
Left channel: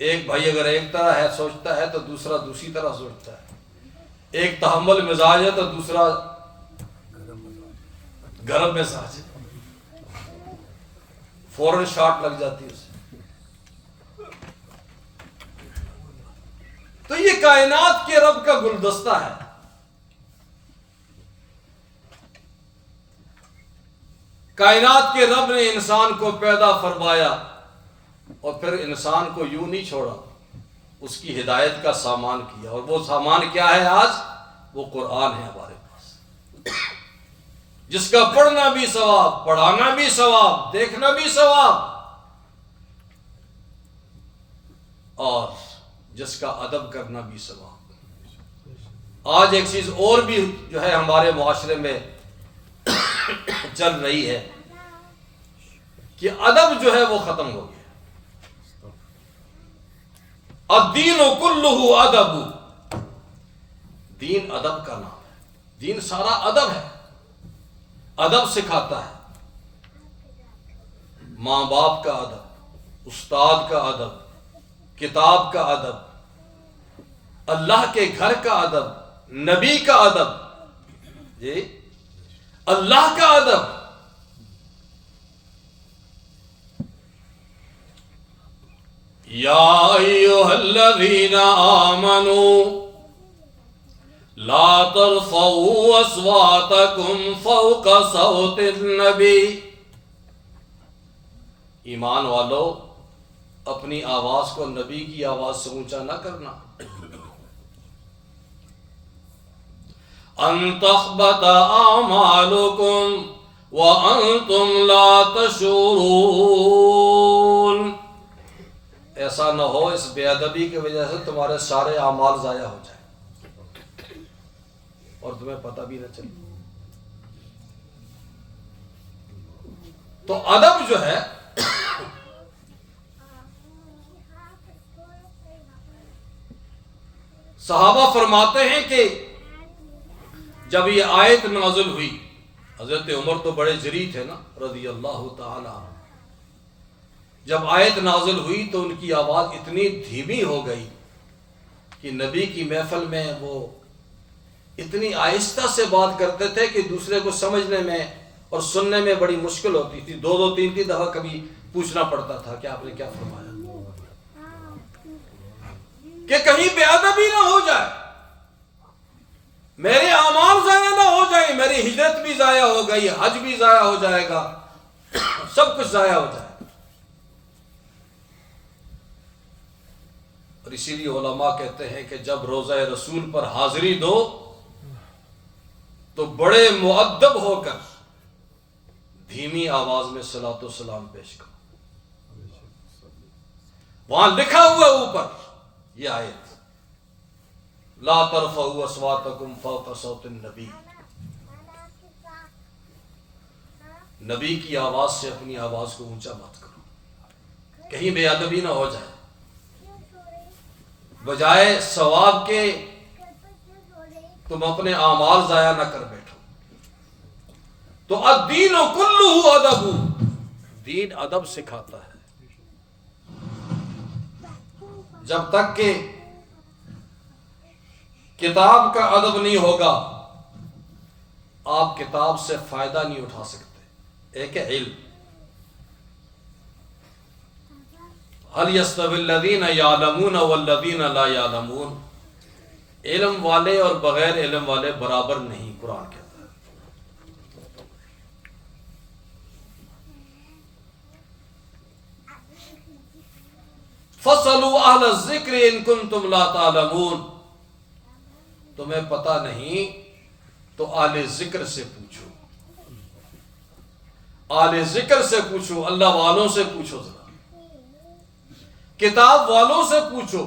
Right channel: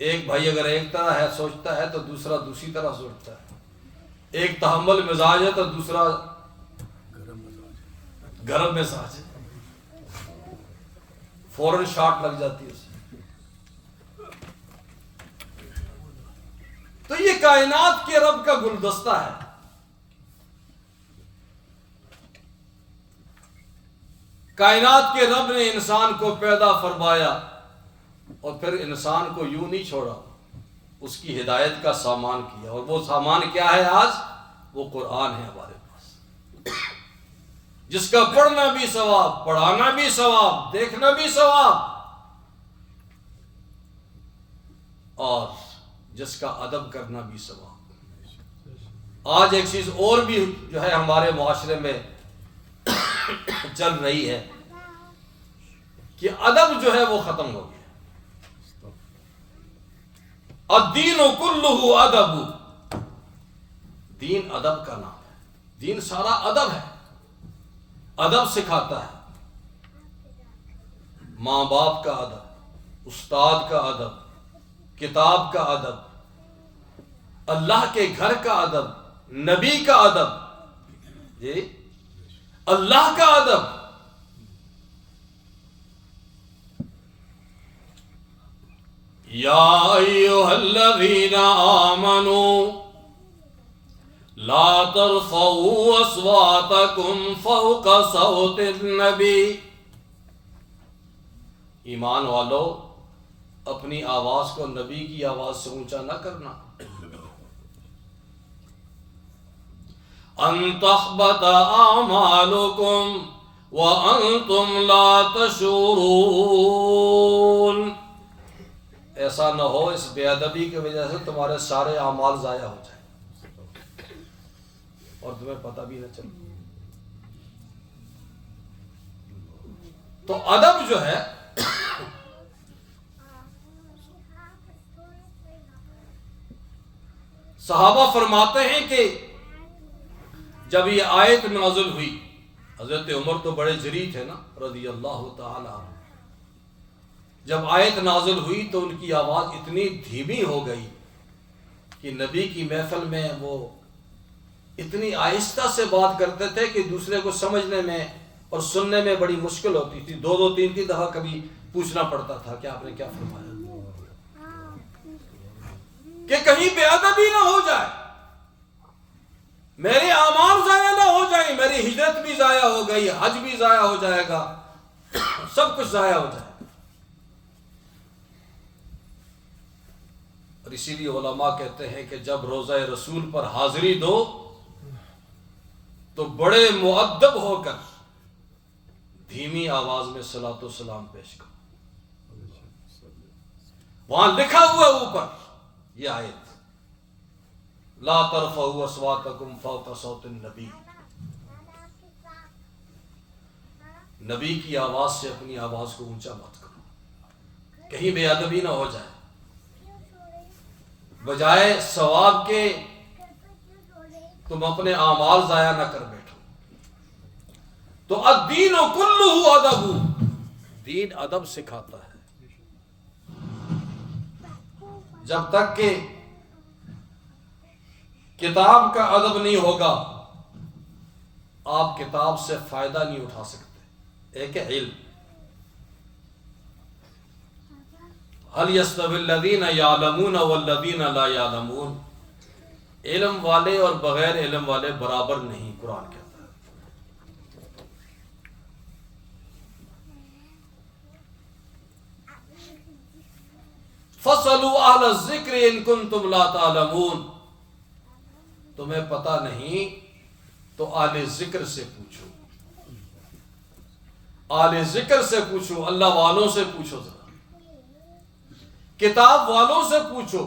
ایک بھائی اگر ایک طرح ہے سوچتا ہے تو دوسرا دوسری طرح سوچتا ہے، ایک تحمل مزاج ہے تو دوسرا گرم مزاج ہے، فوراً شاٹ لگ جاتی ہے اسے۔ تو یہ کائنات کے رب کا گلدستہ ہے۔ کائنات کے رب نے انسان کو پیدا فرمایا اور پھر انسان کو یوں نہیں چھوڑا، اس کی ہدایت کا سامان کیا، اور وہ سامان کیا ہے آج؟ وہ قرآن ہے ہمارے پاس۔ جس کا پڑھنا بھی ثواب، پڑھانا بھی ثواب، دیکھنا بھی ثواب، اور جس کا ادب کرنا بھی ثواب۔ آج ایک چیز اور بھی جو ہے ہمارے معاشرے میں چل رہی ہے کہ ادب جو ہے وہ ختم ہو گیا۔ الدین کلہ ادب، دین ادب کا نام ہے، دین سارا ادب ہے، ادب سکھاتا ہے، ماں باپ کا ادب، استاد کا ادب، کتاب کا ادب، اللہ کے گھر کا ادب، نبی کا ادب، جی اللہ کا ادب۔ یا ایھا الذین آمنوا لا ترفعوا اصواتکم فوق صوت النبی، ایمان والو اپنی آواز کو نبی کی آواز سے اونچا نہ کرنا۔ ان تحبط اعمالکم وانتم لا تشعرون، ایسا نہ ہو اس بے ادبی کی وجہ سے تمہارے سارے اعمال ضائع ہو جائیں اور تمہیں پتہ بھی نہ چلے۔ تو ادب جو ہے صحابہ فرماتے ہیں کہ جب یہ آیت نازل ہوئی، حضرت عمر تو بڑے جری تھے نا رضی اللہ تعالی عنہ، جب آیت نازل ہوئی تو ان کی آواز اتنی دھیمی ہو گئی کہ نبی کی محفل میں وہ اتنی آہستہ سے بات کرتے تھے کہ دوسرے کو سمجھنے میں اور سننے میں بڑی مشکل ہوتی تھی، دو دو تین تین دفعہ کبھی پوچھنا پڑتا تھا کہ آپ نے کیا فرمایا، کہ کہیں بے ادبی نہ ہو جائے، میرے اعمال ضائع نہ ہو جائیں، میری ہجرت بھی ضائع ہو گئی، حج بھی ضائع ہو جائے گا، سب کچھ ضائع ہو جائے گا۔ اور اسی لیے علماء کہتے ہیں کہ جب روضہ رسول پر حاضری دو تو بڑے مؤدب ہو کر دھیمی آواز میں صلاۃ و سلام پیش کرو۔ وہاں لکھا ہوا اوپر یہ آیت، لا ترفعوا اصواتکم فوق صوت النبی، نبی کی آواز سے اپنی آواز کو اونچا مت کرو، کہیں بے ادبی نہ ہو جائے، بجائے ثواب کے تم اپنے اعمال ضائع نہ کر بیٹھو۔ تو الدین کلہ ادب، دین ادب سکھاتا ہے۔ جب تک کہ کتاب کا ادب نہیں ہوگا آپ کتاب سے فائدہ نہیں اٹھا سکتے۔ ایک ہے علم، هل يستوي الذين يعلمون والذين لا يعلمون، علم والے اور بغیر علم والے برابر نہیں، قرآن کہتا ہے۔ فَاسْأَلُوا أَهْلَ الذِّكْرِ إِن كُنتُمْ لَا تَعْلَمُونَ، تمہیں پتہ نہیں تو اہل ذکر سے پوچھو، اہل ذکر سے پوچھو، اللہ والوں سے پوچھو، ذرا کتاب والوں سے پوچھو۔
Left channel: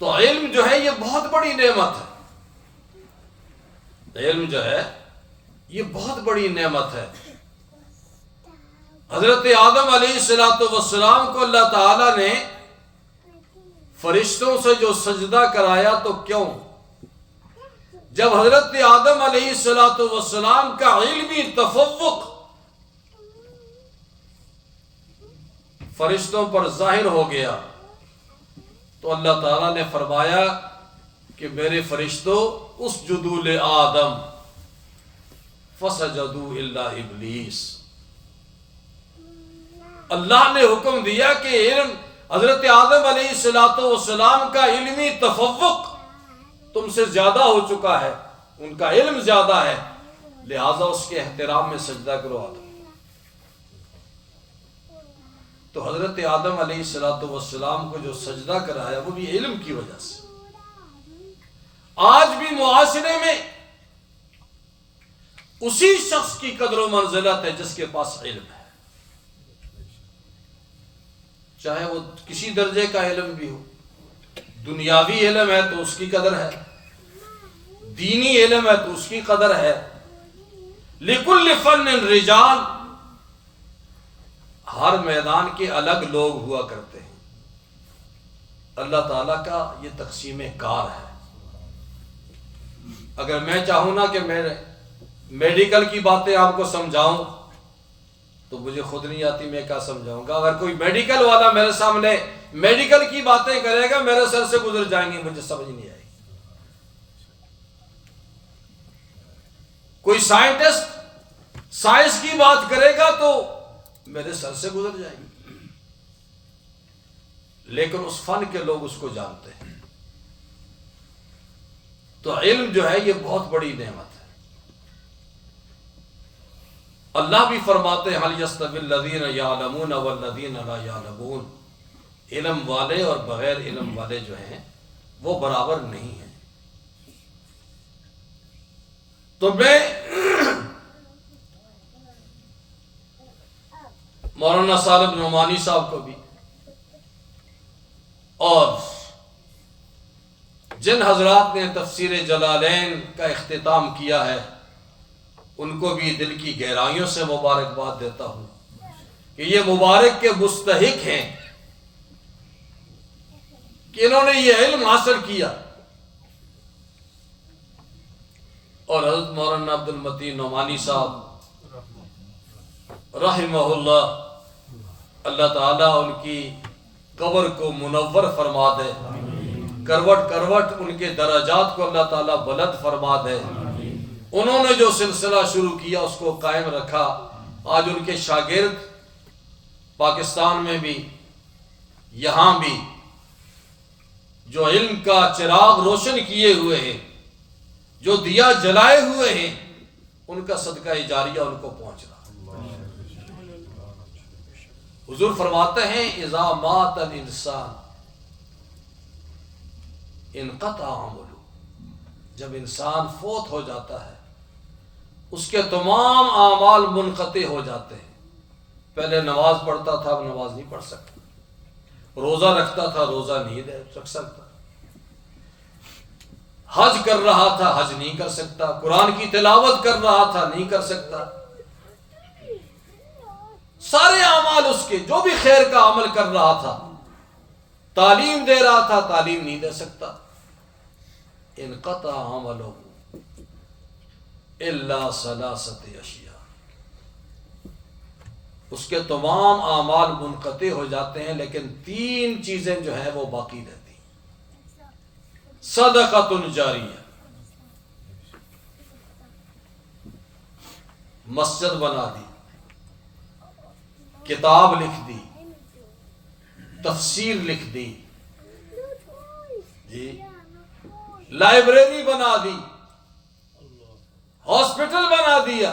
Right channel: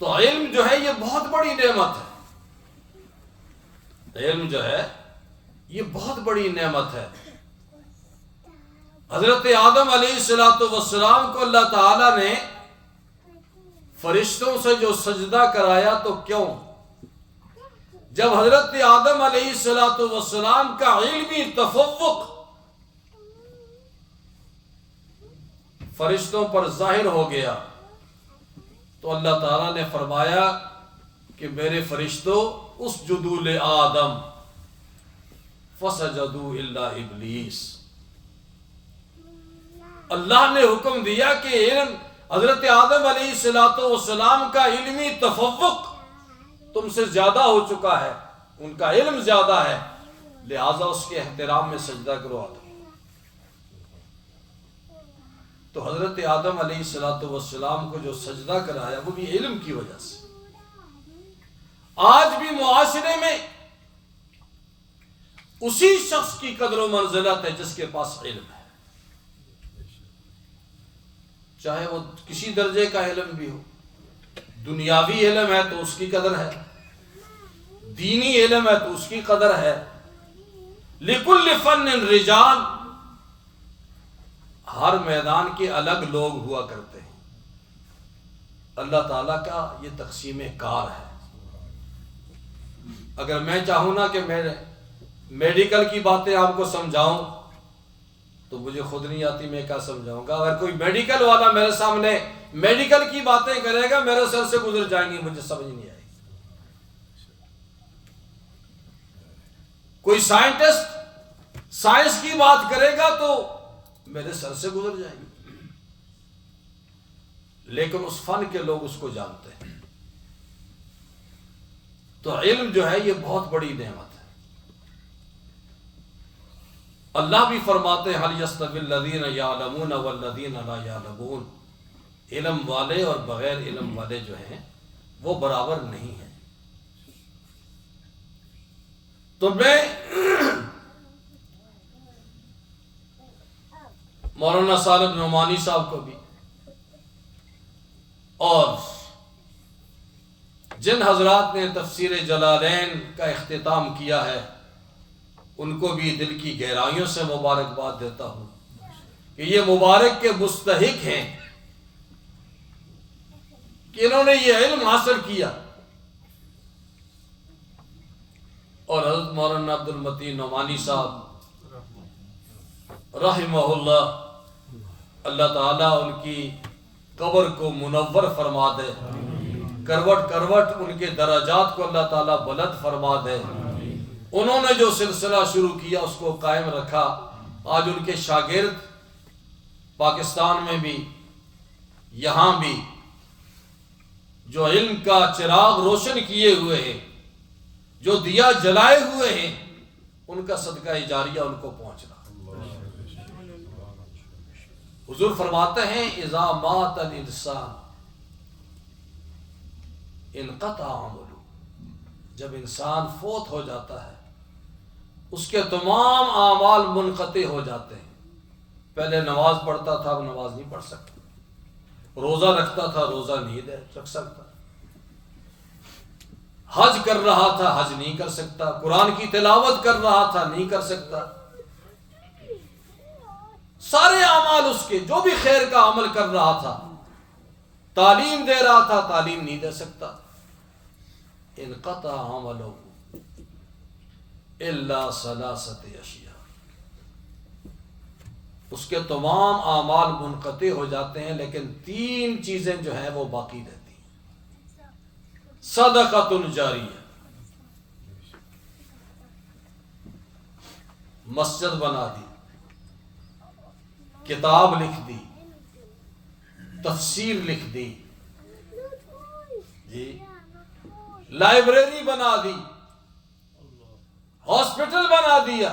تو علم جو ہے یہ بہت بڑی نعمت ہے، علم جو ہے یہ بہت بڑی نعمت ہے۔ حضرت آدم علیہ السلام کو اللہ تعالی نے فرشتوں سے جو سجدہ کرایا تو کیوں؟ جب حضرت آدم علیہ السلام کا علمی تفوق فرشتوں پر ظاہر ہو گیا تو اللہ تعالیٰ نے فرمایا کہ میرے فرشتوں اسجدوا لآدم فسجدوا الا ابلیس، اللہ نے حکم دیا کہ علم حضرت آدم علیہ السلام کا علمی تفوق تم سے زیادہ ہو چکا ہے، ان کا علم زیادہ ہے، لہذا اس کے احترام میں سجدہ کرو آدم۔ تو حضرت آدم علیہ السلام کو جو سجدہ کرایا وہ بھی علم کی وجہ سے، آج بھی معاشرے میں اسی شخص کی قدر و منزلت ہے جس کے پاس علم ہے، چاہے وہ کسی درجے کا علم بھی ہو۔ دنیاوی علم ہے تو اس کی قدر ہے، دینی علم ہے تو اس کی قدر ہے۔ لِكُلِّ فَنٍ رِجَالٌ، ہر میدان کے الگ لوگ ہوا کرتے ہیں۔ اللہ تعالیٰ کا یہ تقسیم کار ہے۔ اگر میں چاہوں نا کہ میں میڈیکل کی باتیں آپ کو سمجھاؤں تو مجھے خود نہیں آتی، میں کیا سمجھاؤں گا؟ اگر کوئی میڈیکل والا میرے سامنے میڈیکل کی باتیں کرے گا میرے سر سے گزر جائیں گی، مجھے سمجھ نہیں آئے گی۔ کوئی سائنٹسٹ سائنس کی بات کرے گا تو میرے سر سے گزر جائے گی، لیکن اس فن کے لوگ اس کو جانتے ہیں۔ تو علم جو ہے یہ بہت بڑی نعمت ہے۔ اللہ بھی فرماتے ہیں هل يستوي الذين يعلمون والذين لا يعلمون، علم والے اور بغیر علم والے جو ہیں وہ برابر نہیں ہیں۔ تو میں مولانا صالح نعمانی صاحب کو بھی اور جن حضرات نے تفسیر جلالین کا اختتام کیا ہے ان کو بھی دل کی گہرائیوں سے مبارکباد دیتا ہوں کہ یہ مبارک کے مستحق ہیں کہ انہوں نے یہ علم حاصل کیا۔ اور حضرت مولانا عبد المتین نعمانی صاحب رحمہ اللہ، اللہ تعالیٰ ان کی قبر کو منور فرما دے، کروٹ کروٹ ان کے درجات کو اللہ تعالیٰ بلند فرما دے۔ انہوں نے جو سلسلہ شروع کیا اس کو قائم رکھا، آج ان کے شاگرد پاکستان میں بھی یہاں بھی جو علم کا چراغ روشن کیے ہوئے ہیں، جو دیا جلائے ہوئے ہیں، ان کا صدقہ جاریہ ان کو پہنچ رہا۔ حضور فرماتے ہیں اذا مات الانسان انقطع عملہ، جب انسان فوت ہو جاتا ہے اس کے تمام اعمال منقطع ہو جاتے ہیں۔ پہلے نماز پڑھتا تھا اب نماز نہیں پڑھ سکتا، روزہ رکھتا تھا روزہ نہیں رکھ سکتا، حج کر رہا تھا حج نہیں کر سکتا، قرآن کی تلاوت کر رہا تھا نہیں کر سکتا۔ سارے اعمال اس کے جو بھی خیر کا عمل کر رہا تھا، تعلیم دے رہا تھا تعلیم نہیں دے سکتا۔ انقطع عملہ الا ثلاثۃ اشیاء، اس کے تمام اعمال منقطع ہو جاتے ہیں لیکن تین چیزیں جو ہیں وہ باقی رہتی ہیں۔ صدقۃ جاریہ، مسجد بنا دی، کتاب لکھ دی، تفسیر لکھ دی، جی لائبریری بنا دی، ہاسپٹل بنا دیا،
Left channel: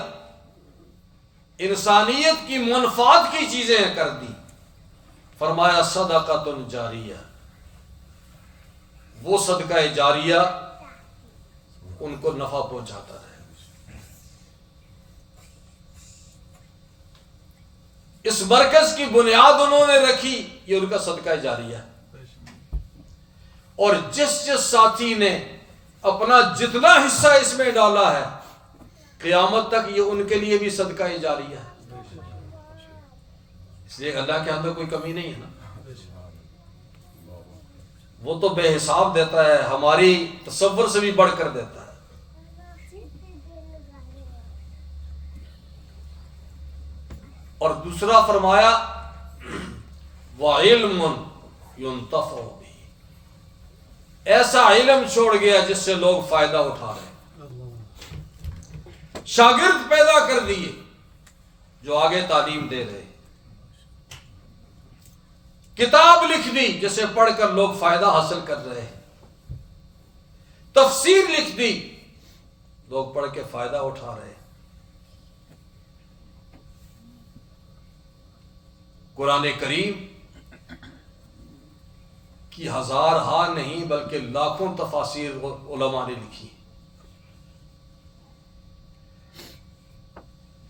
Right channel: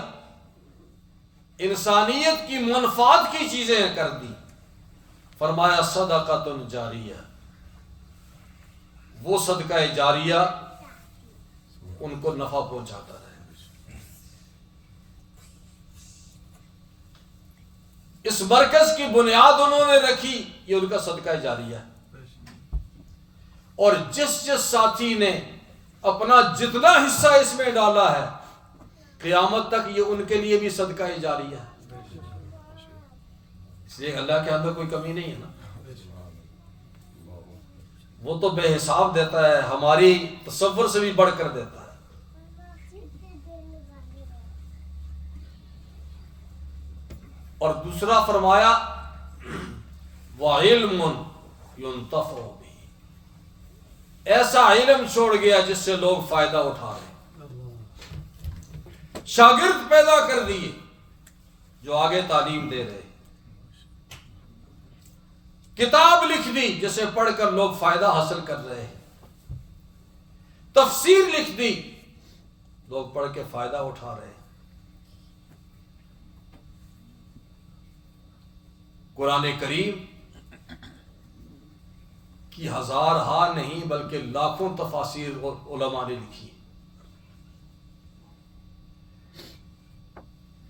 انسانیت کی منفعت کی چیزیں کر دی۔ فرمایا صدقۃ جاریہ، وہ صدقہ جاریہ ان کو نفع پہنچاتا رہے۔ اس مرکز کی بنیاد انہوں نے رکھی، یہ ان کا صدقہ جاریہ ہے۔ اور جس ساتھی نے اپنا جتنا حصہ اس میں ڈالا ہے قیامت تک یہ ان کے لیے بھی صدقہ جاریہ ہے۔ اس لیے اللہ کے اندر کوئی کمی نہیں ہے نا، وہ تو بے حساب دیتا ہے، ہماری تصور سے بھی بڑھ کر دیتا ہے۔ اور دوسرا فرمایا وَعِلْمٌ يُنْتَفَعُ بِهِ، ایسا علم چھوڑ گیا جس سے لوگ فائدہ اٹھا رہے ہیں۔ شاگرد پیدا کر دیے جو آگے تعلیم دے رہے، کتاب لکھ دی جسے پڑھ کر لوگ فائدہ حاصل کر رہے ہیں، تفسیر لکھ دی لوگ پڑھ کے فائدہ اٹھا رہے ہیں، قرآن کریم کی ہزار ہاں نہیں بلکہ لاکھوں تفاسیر علماء نے لکھی.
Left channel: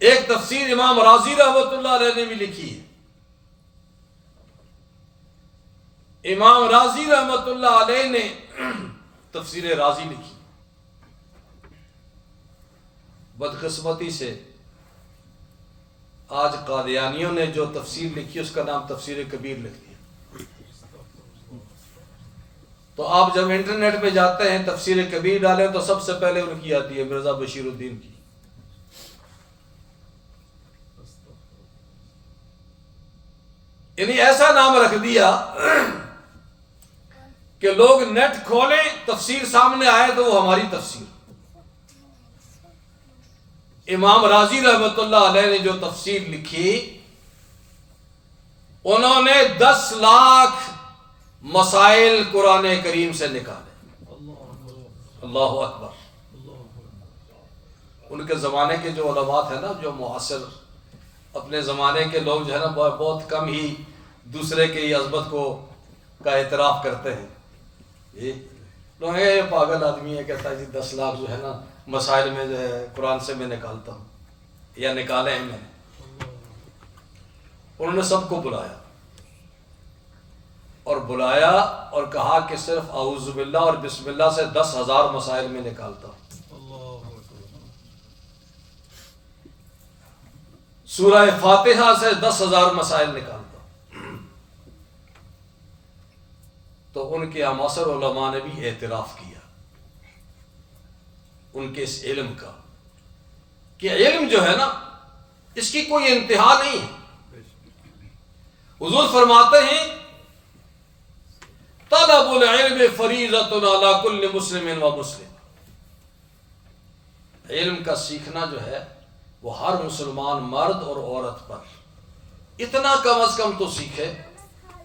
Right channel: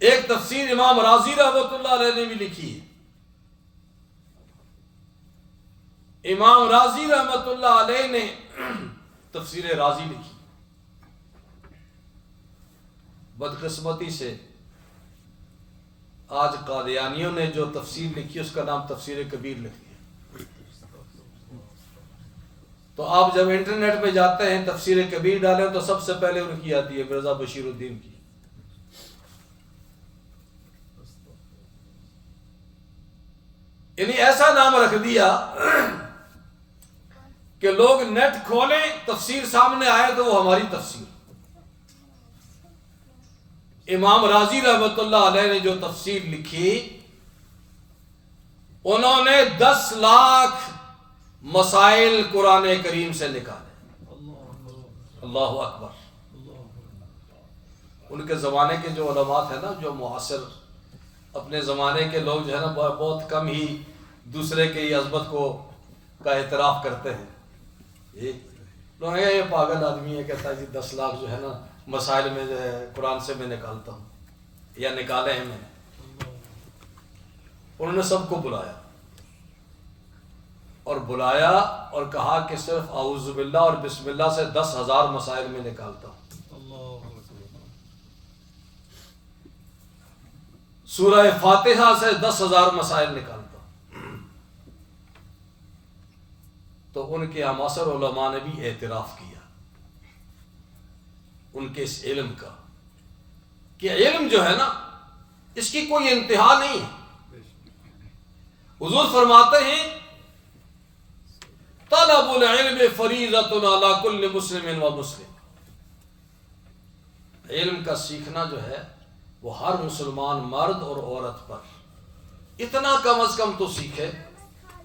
ایک تفسیر امام رازی رحمۃ اللہ علیہ نے بھی لکھی ہے. امام رازی رحمۃ اللہ علیہ نے تفسیر رازی لکھی. بدقسمتی سے آج قادیانیوں نے جو تفسیر لکھی اس کا نام تفسیر کبیر لکھ دیا. تو آپ جب انٹرنیٹ پہ جاتے ہیں تفسیر کبیر ڈالیں تو سب سے پہلے ان کی آتی ہے مرزا بشیر الدین کی. یعنی ایسا نام رکھ دیا کہ لوگ نیٹ کھولیں تفسیر سامنے آئے تو وہ ہماری تفسیر. امام رازی رحمۃ اللہ علیہ نے جو تفسیر لکھی انہوں نے 10 لاکھ مسائل قرآن کریم سے نکالے. اللہ اکبر. ان کے زمانے کے جو علماء تھے نا، جو معاصر اپنے زمانے کے لوگ جو ہے نا بہت کم ہی دوسرے کی عظمت کا اعتراف کرتے ہیں. یہ پاگل آدمی ہے، کہتا ہے جی 10 لاکھ جو ہے نا مسائل میں جو ہے قرآن سے میں نکالتا ہوں یا نکالے ہیں میں نے. انہوں نے سب کو بلایا اور کہا کہ صرف اعوذ باللہ اور بسم اللہ سے 10,000 مسائل میں نکالتا ہوں. سورہ فاتحہ سے 10,000 مسائل نکالتا ہوں. تو ان کے معاصر علماء نے بھی اعتراف کیا ان کے اس علم کا کہ علم جو ہے نا اس کی کوئی انتہا نہیں ہے. حضور فرماتے ہیں طلب العلم فریضۃ علی کل مسلم و مسلم. علم کا سیکھنا جو ہے وہ ہر مسلمان مرد اور عورت پر اتنا کم از کم تو سیکھے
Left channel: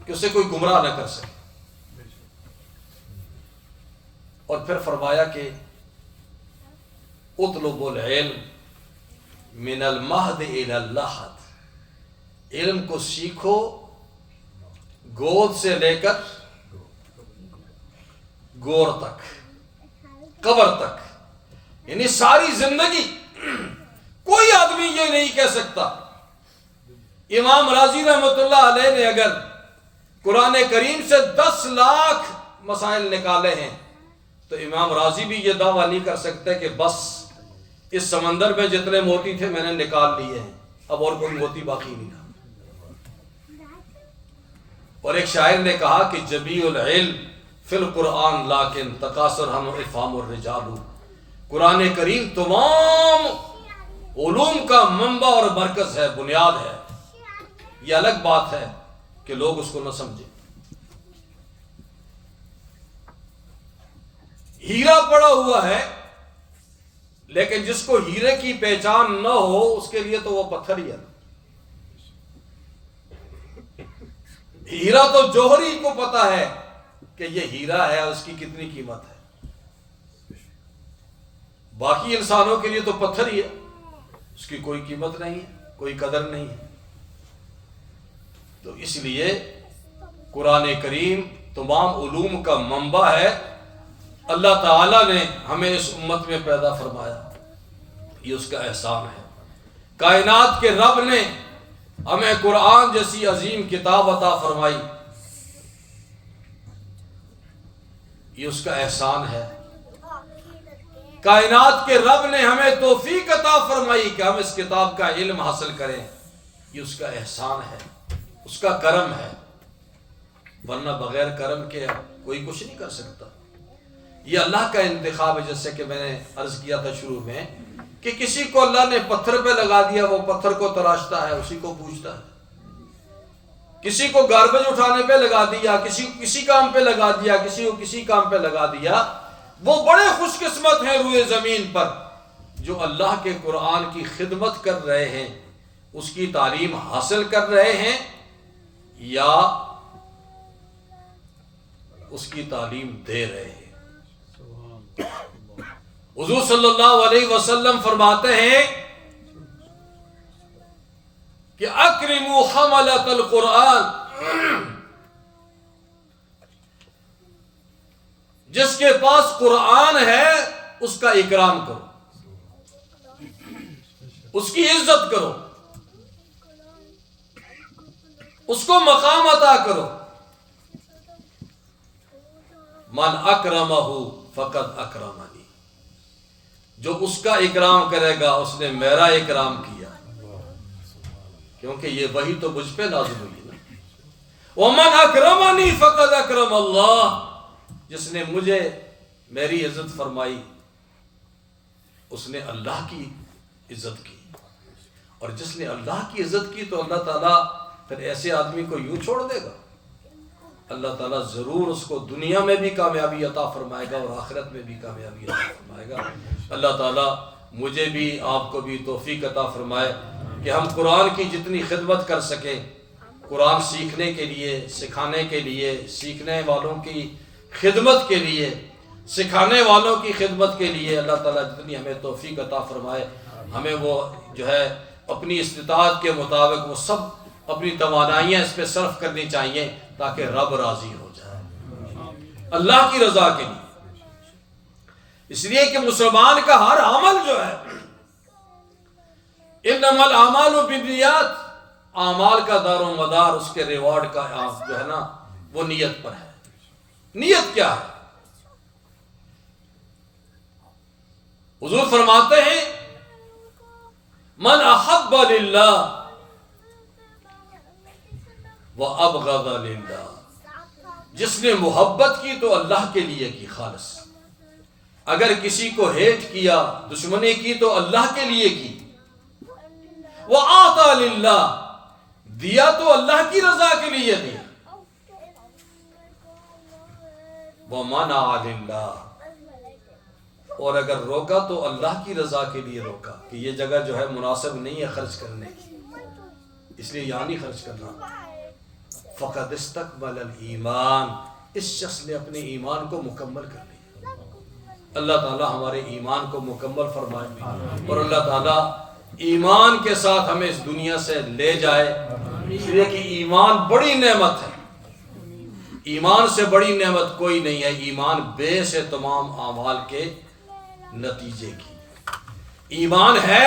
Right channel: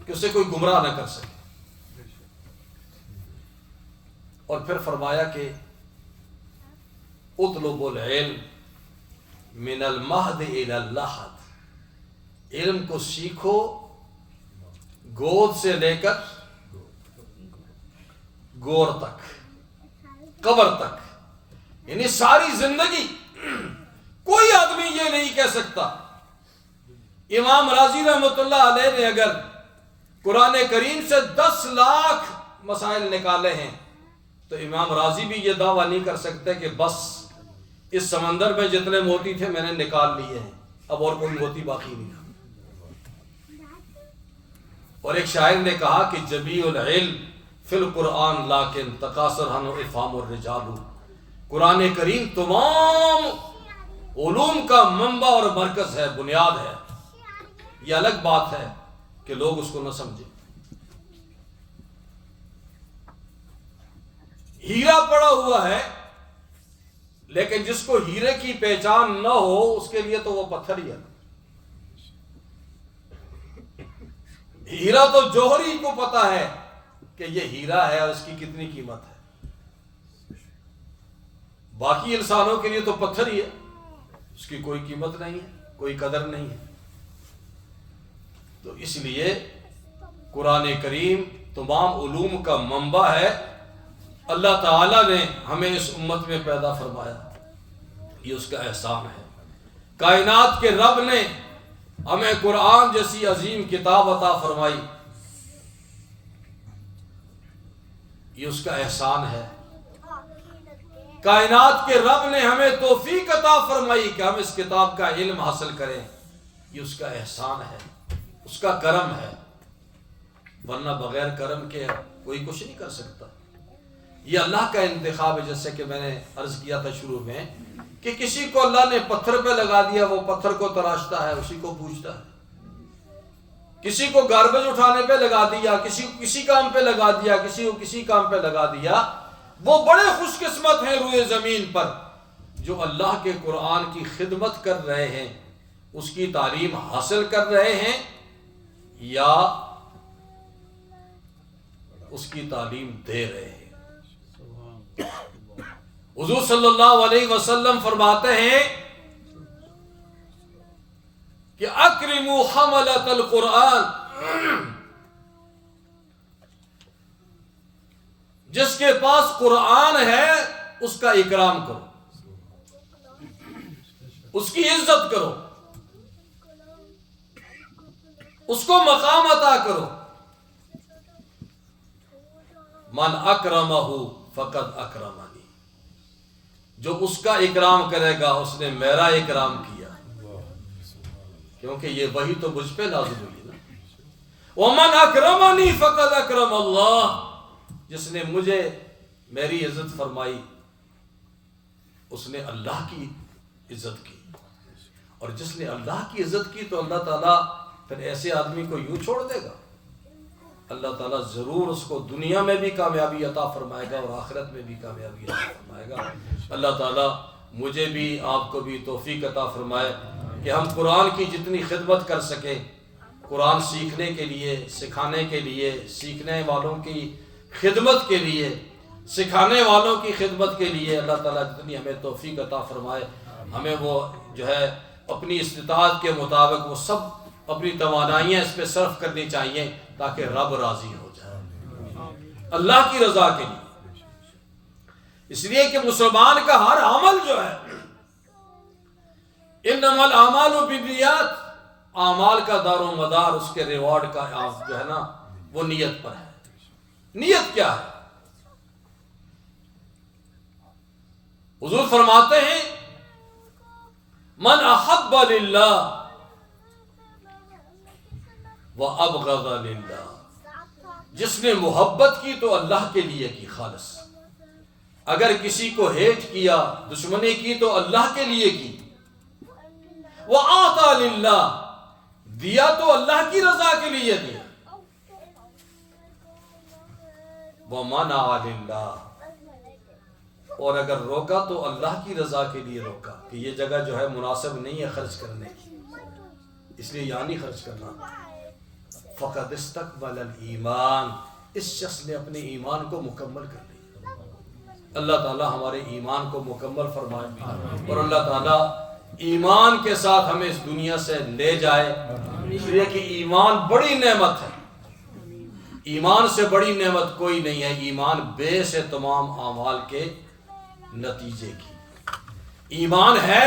کہ اسے کوئی گمراہ نہ کر سکے. اور پھر فرمایا کہ اطلب العلم من المہد الی اللحد. علم کو سیکھو گود سے لے کر گور تک، قبر تک. یعنی ساری زندگی کوئی آدمی یہ نہیں کہہ سکتا. امام رازی رحمۃ اللہ علیہ نے اگر قرآن کریم سے 10 لاکھ مسائل نکالے ہیں تو امام رازی بھی یہ دعویٰ نہیں کر سکتے کہ بس اس سمندر میں جتنے موتی تھے میں نے نکال لیے ہیں، اب اور کوئی موتی باقی نہیں رہا. اور ایک شاعر نے کہا کہ جبیع العلم فی القرآن لیکن تقاصر ہم افہام الرجال. قرآن کریم تمام علوم کا منبع اور مرکز ہے، بنیاد ہے. یہ الگ بات ہے کہ لوگ اس کو نہ سمجھیں. ہیرا پڑا ہوا ہے لیکن جس کو ہیرے کی پہچان نہ ہو اس کے لیے تو وہ پتھر ہی ہے. ہیرا تو جوہری کو پتا ہے کہ یہ ہیرا ہے اور اس کی کتنی قیمت ہے. باقی انسانوں کے لیے تو پتھر ہی ہے، اس کی کوئی قیمت نہیں ہے، کوئی قدر نہیں ہے. تو اس لیے قرآن کریم تمام علوم کا منبع ہے. اللہ تعالیٰ نے ہمیں اس امت میں پیدا فرمایا، یہ اس کا احسان ہے. کائنات کے رب نے ہمیں قرآن جیسی عظیم کتاب عطا فرمائی، یہ اس کا احسان ہے. کائنات کے رب نے ہمیں توفیق عطا فرمائی کہ ہم اس کتاب کا علم حاصل کریں، یہ اس کا احسان ہے، اس کا کرم ہے. ورنہ بغیر کرم کے کوئی کچھ نہیں کر سکتا. یہ اللہ کا انتخاب ہے. جیسے کہ میں نے عرض کیا تھا شروع میں کہ کسی کو اللہ نے پتھر پہ لگا دیا، وہ پتھر کو تراشتا ہے، اسی کو پوجتا ہے. کسی کو گاربیج اٹھانے پہ لگا دیا، کسی کام پہ لگا دیا، کسی کو کسی کام پہ لگا دیا. وہ بڑے خوش قسمت ہیں روئے زمین پر جو اللہ کے قرآن کی خدمت کر رہے ہیں، اس کی تعلیم حاصل کر رہے ہیں یا اس کی تعلیم دے رہے ہیں. حضور صلی اللہ علیہ وسلم فرماتے ہیں کہ اکرموا حملۃ القرآن جس کے پاس قرآن ہے اس کا اکرام کرو، اس کی عزت کرو، اس کو مقام عطا کرو۔ من اکرمہ فقد اکرمنی، جو اس کا اکرام کرے گا اس نے میرا اکرام کیا، کیونکہ یہ وحی تو مجھ پہ نازل ہوئی نا۔ ومن اکرمنی فقد اکرم اللہ، جس نے مجھے میری عزت فرمائی اس نے اللہ کی عزت کی، اور جس نے اللہ کی عزت کی تو اللہ تعالیٰ پھر ایسے آدمی کو یوں چھوڑ دے گا؟ اللہ تعالیٰ ضرور اس کو دنیا میں بھی کامیابی عطا فرمائے گا اور آخرت میں بھی کامیابی عطا فرمائے گا۔ اللہ تعالیٰ مجھے بھی آپ کو بھی توفیق عطا فرمائے کہ ہم قرآن کی جتنی خدمت کر سکیں، قرآن سیکھنے کے لیے، سکھانے کے لیے، سیکھنے والوں کی خدمت کے لیے، سکھانے والوں کی خدمت کے لیے اللہ تعالیٰ جتنی ہمیں توفیق عطا فرمائے، ہمیں وہ جو ہے اپنی استطاعت کے مطابق وہ سب اپنی توانائیاں اس پہ صرف کرنی چاہیے تاکہ رب راضی ہو جائے اللہ کی رضا کے لیے۔ اس لیے کہ مسلمان کا ہر عمل جو ہے انما الاعمال بالنیات، اعمال کا دار و مدار اس کے ریوارڈ کا جو ہے نا وہ نیت پر ہے۔ نیت کیا ہے؟ حضور فرماتے ہیں من احب للہ وابغض للہ، جس نے محبت کی تو اللہ کے لیے کی خالص، اگر کسی کو ہیٹ کیا، دشمنی کی تو اللہ کے لیے کی، وَأَعْطَى لِلَّهِ، دیا تو اللہ کی رضا کے لیے دیا، وَمَنَعَ لِلَّهِ، اور اگر روکا تو اللہ کی رضا کے لیے روکا کہ یہ جگہ جو ہے مناسب نہیں ہے خرچ کرنے کی، اس لیے یہاں نہیں خرچ کرنا۔ فَقَدْ اسْتَكْمَلَ الْإِيمَانِ، اس شخص نے اپنے ایمان کو مکمل کر لیا۔ اللہ تعالیٰ ہمارے ایمان کو مکمل فرمائے اور اللہ تعالیٰ ایمان کے ساتھ ہمیں اس دنیا سے لے جائے، اس لیے کہ ایمان بڑی نعمت ہے، ایمان سے بڑی نعمت کوئی نہیں ہے۔ ایمان بیس ہے تمام اعمال کے نتیجے کی۔ ایمان ہے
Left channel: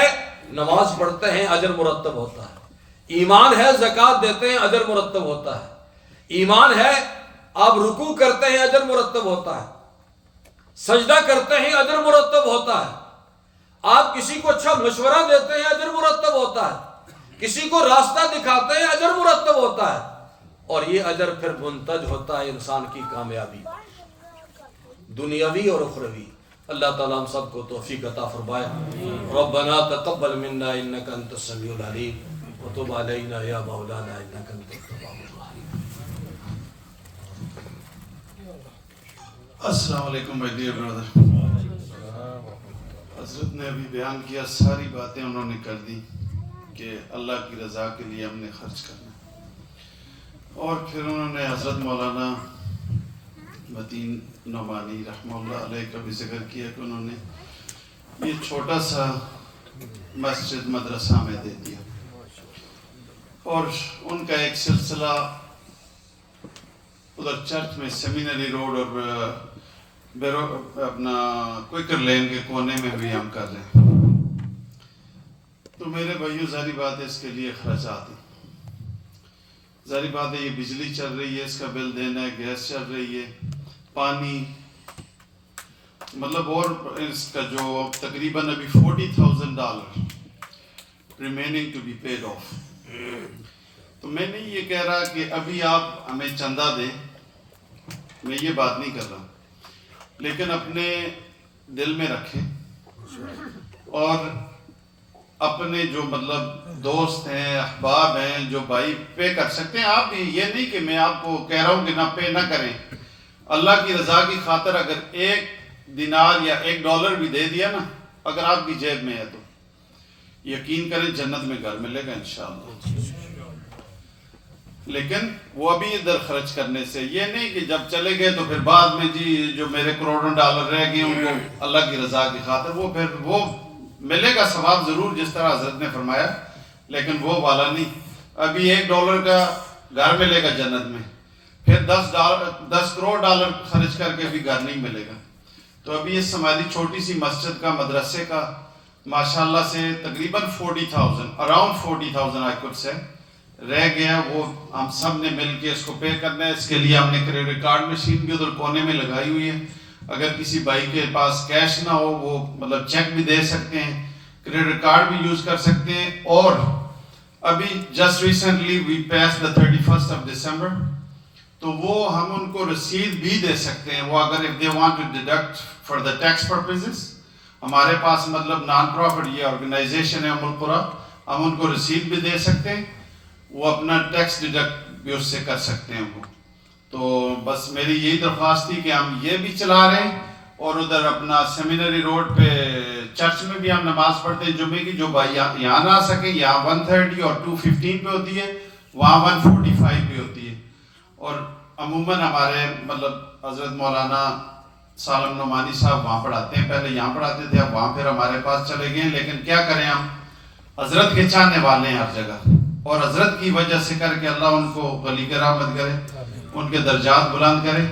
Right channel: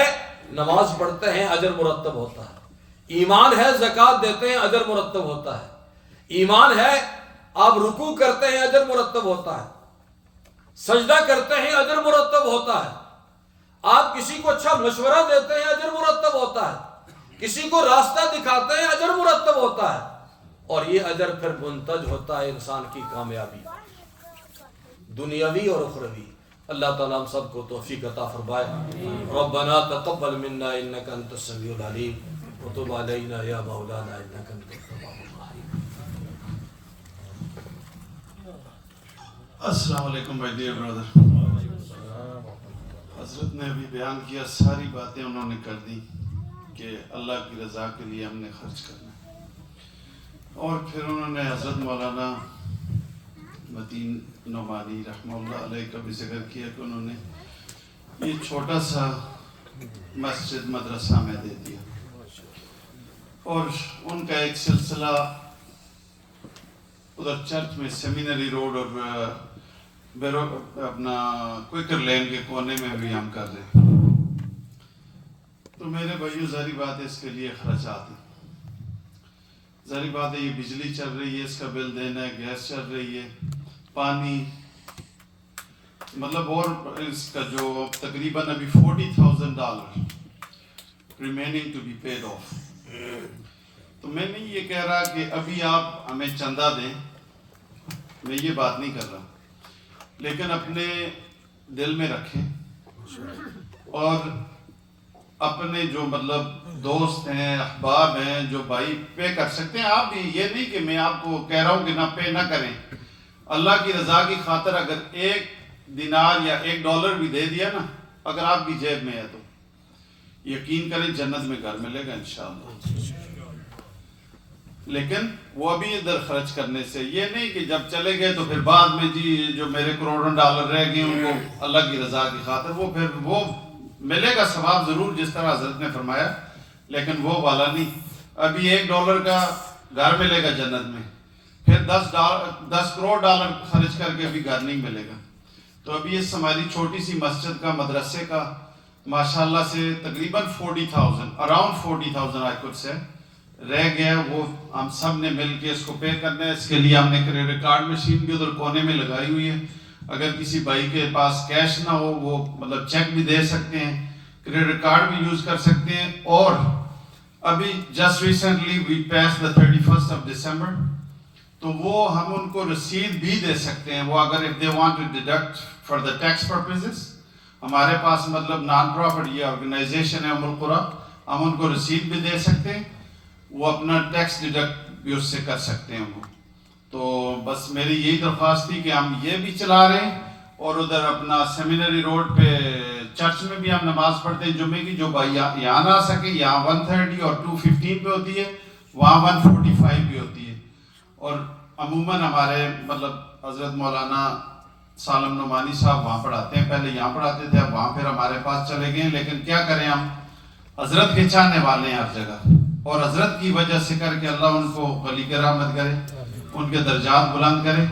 نماز پڑھتے ہیں اجر مرتب ہوتا ہے، ایمان ہے زکوٰۃ دیتے ہیں اجر مرتب ہوتا ہے، ایمان ہے آپ رکوع کرتے ہیں اجر مرتب ہوتا ہے، سجدہ کرتے ہیں اجر مرتب ہوتا ہے، آپ کسی کو اچھا مشورہ دیتے ہیں اجر مرتب ہوتا ہے، کسی کو راستہ دکھاتے ہیں اجر مرتب ہوتا ہے، اور یہ اجر پھر منتج ہوتا ہے انسان کی کامیابی دنیاوی اور اخروی۔ اللہ تعالیٰ ہم سب کو توفیق عطا فرمائے۔ ربنا تقبل منا انک انت السمیع العلیم وتب علینا یا مولانا انک انت التواب الرحیم۔ السلام علیکم مائی ڈیئر برادر۔ حضرت نے ابھی بیان کیا، ساری باتیں انہوں نے کر دی کہ اللہ کی رضا کے لیے ہم نے خرچ کرنا ہے، اور پھر انہوں نے حضرت مولانا متین نعمانی رحمہ اللہ علیہ کا بھی ذکر کیا کہ انہوں نے یہ چھوٹا سا مسجد مدرسہ میں دے دیا، اور ان کا ایک سلسلہ ادھر چرچ میں سیمینری روڈ اور اپنا کوئکر لین کے کونے میں بھی ہم کر رہے ہیں۔ تو میرے بھائیو ظاہری بات ہے اس کے لیے خرچات ہیں، ظاہری بات ہے یہ بجلی چل رہی ہے، اس کا بل دینا ہے، گیس چل رہی ہے، پانی، مطلب اور اس کا جو تقریباً ابھی $40,000 remaining to be paid off. تو میں نہیں یہ کہہ رہا کہ ابھی آپ ہمیں چندہ دیں، میں یہ بات نہیں کر رہا، لیکن اپنے دل میں رکھیں اور اپنے جو مطلب دوست ہیں، احباب ہیں، جو بھائی پے کر سکتے ہیں آپ بھی، یہ نہیں کہ میں آپ کو کہہ رہا ہوں کہ نہ پے نہ کریں، اللہ کی رضا کی خاطر اگر $1 دینار یا $1 بھی دے دیا نا، اگر آپ کی جیب میں ہے تو یقین کریں جنت میں گھر ملے گا انشاءاللہ۔ لیکن وہ ابھی ادھر خرچ کرنے سے، یہ نہیں کہ جب چلے گئے تو پھر بعد میں جی جو میرے کروڑوں ڈالر رہ گئے ان کو اللہ کی رضا کی خاطر، وہ پھر وہ ملے گا ثواب ضرور جس طرح حضرت نے فرمایا، لیکن وہ والا نہیں۔ ابھی $1 کا گھر ملے گا جنت میں، پھر 10 کروڑ ڈالر خرچ کر کے بھی گھر نہیں ملے گا. تو ابھی اس ہماری چھوٹی سی مسجد کا مدرسے کا ماشاءاللہ سے تقریباً 40,000 اراؤنڈ 40,000 آئی کڈ سے رہ گیا. وہ ہم سب نے مل کے اس کو پے کرنا ہے. اس کے لیے ہم نے کریڈٹ کارڈ مشین بھی ادھر کونے میں لگائی ہوئی ہے. اگر کسی بھائی کے پاس کیش نہ ہو وہ مطلب چیک بھی دے سکتے ہیں, کریڈٹ کارڈ بھی یوز کر سکتے ہیں. اور ابھی just recently we pass the 31st of December, تو وہ ہم ان کو رسید بھی دے سکتے ہیں. وہ اگر if they want to deduct for the tax purposes, ہمارے پاس مطلب نان پروفٹ یہ آرگنائزیشن ہے ام القریٰ, ہم ان کو رسید بھی دے سکتے ہیں. وہ اپنا ٹیکس ڈیڈکٹ بھی اس سے کر سکتے ہیں وہ. تو بس میری یہی درخواست تھی کہ ہم یہ بھی چلا رہے ہیں, اور ادھر اپنا سیمینری روڈ پہ چرچ میں بھی ہم نماز پڑھتے ہیں جمعے کی. جو بھائی یہاں نہ آ سکے, یہاں 1:30 اور 2:15 پہ ہوتی ہے, وہاں 1:45 پہ ہوتی ہے. اور عموماً ہمارے مطلب حضرت مولانا سالم نعمانی صاحب وہاں پڑھاتے ہیں. پہلے یہاں پڑھاتے تھے, اب وہاں پھر ہمارے پاس چلے گئے. لیکن کیا کریں, ہم حضرت کے چاہنے والے ہیں ہر جگہ, اور حضرت کی وجہ سے کر کے اللہ ان کو غلی کے رحمت کرے, ان کے درجات بلند کرے.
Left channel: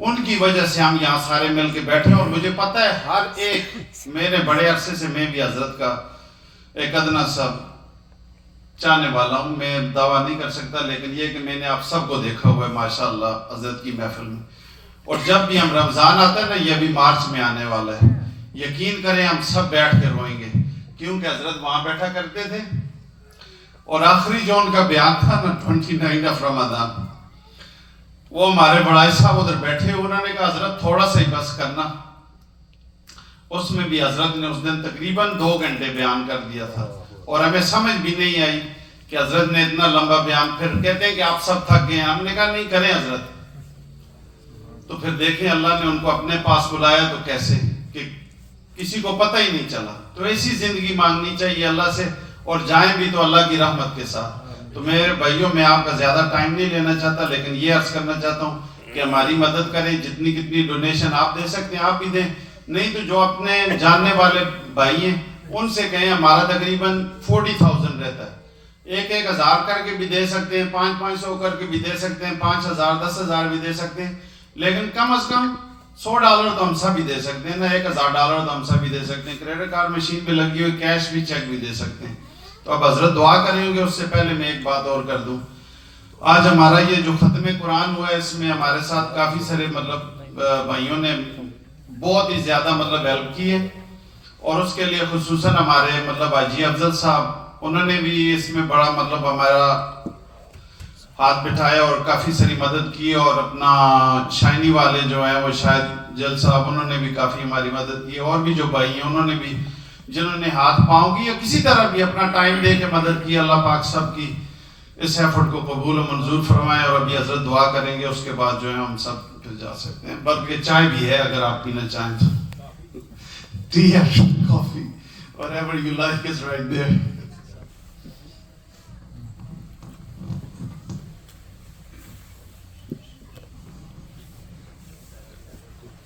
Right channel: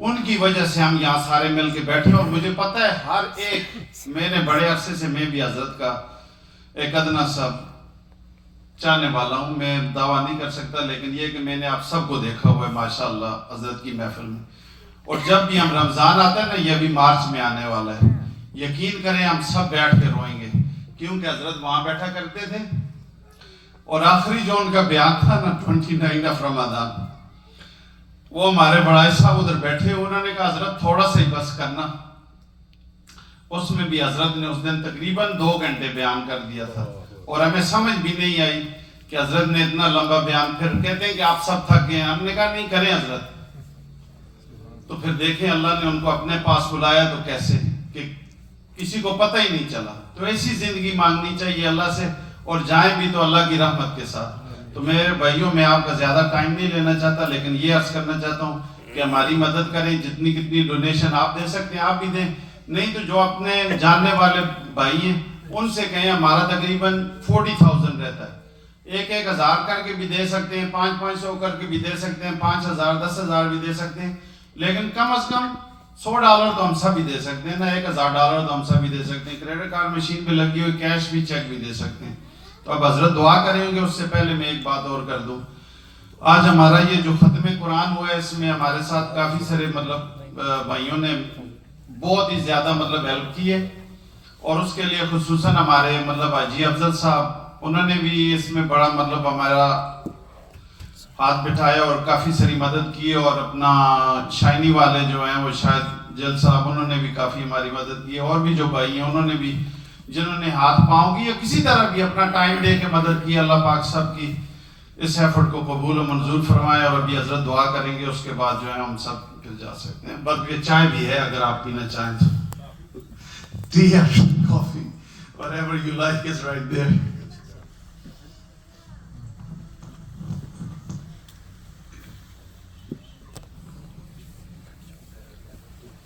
ان کی وجہ سے ہم یہاں سارے مل کے بیٹھے. اور مجھے پتہ ہے ہر ایک, میں نے بڑے عرصے سے میں بھی حضرت کا ایک ادنا سا چاہنے والا ہوں. میں دعویٰ نہیں کر سکتا, لیکن یہ کہ میں نے آپ سب کو دیکھا ہوا ہے ماشاءاللہ حضرت کی محفل میں. اور جب بھی ہم رمضان آتا ہے نا, یہ بھی مارچ میں آنے والا ہے, یقین کریں ہم سب بیٹھ کے روئیں گے, کیونکہ حضرت وہاں بیٹھا کرتے تھے. اور آخری جو ان کا بیان تھا نا 29 آف رمضان, وہ ہمارے بڑائی صاحب ادھر بیٹھے, انہوں نے کہا حضرت تھوڑا سا ہی بس کرنا. اس میں بھی حضرت نے اس دن تقریباً 2 گھنٹے بیان کر دیا تھا, اور ہمیں سمجھ بھی نہیں آئی کہ حضرت نے اتنا لمبا بیان. پھر کہتے ہیں کہ آپ سب تھک گئے ہیں. ہم نے کہا نہیں, کریں حضرت. تو پھر دیکھیں اللہ نے ان کو اپنے پاس بلایا تو کیسے, کہ کسی کو پتہ ہی نہیں چلا. تو ایسی زندگی مانگنی چاہیے اللہ سے, اور جائیں بھی تو اللہ کی رحمت کے ساتھ. تو میرے بھائیوں, میں آپ کا زیادہ ٹائم نہیں لینا چاہتا, لیکن یہ عرض کرنا چاہتا ہوں کہ ہماری مدد کریں. جتنی کتنی ڈونیشن آپ دے سکتے ہیں آپ بھی دیں, نہیں تو جو اپنے جاننے والے بھائی ہیں ان سے کہیں. ہمارا تقریباً 40,000 رہتا ہے, 1,000 کر کے بھی دے سکتے ہیں, 500 کر کے بھی دے سکتے ہیں, 5,000 10,000 بھی دے سکتے ہیں. لیکن کم از کم $100 تو ہم سب بھی دے سکتے ہیں نا, $1,000 تو ہم سب بھی دے سکتے ہیں. کریڈٹ کارڈ مشین پہ لگی ہوئی, کیش بھی, چیک بھی دے سکتے ہیں. تو اب حضرت دعا کریں گے. اس سے پہلے میں ایک بات اور کر دوں, آج ہمارا یہ جو ختم قرآن ہوا ہے, اس میں ہمارے ساتھ کافی سارے مطلب بھائیوں نے بہت ہی زیادہ مطلب ہیلپ کی ہے. اور اس کے لیے خصوصاً ہمارے مطلب حاجی افضل صاحب, انہوں نے بھی اس میں بڑا مطلب ہمارا ہاتھ بٹھایا اور کافی ساری مدد کی. اور اپنا شائنی والے جو ہیں وہ شاید جل صاحب, انہوں نے بھی کافی ہماری مدد کی. اور بھی جو بھائی ہیں انہوں نے بھی, جنہوں نے ہاتھ پاؤں کی یا کسی طرح بھی اپنا ٹائم دے کے مدد کی. اللہ پاک سب کی اس ایفرٹ کو قبول و منظور فرمائے. اور ابھی حضرت دعا کریں گے, اس کے بعد جو ہے ہم سب پھر جا سکتے ہیں. بلکہ چائے بھی ہے اگر آپ پینا چاہیں تو, ٹی یا کافی, whatever you like is right there.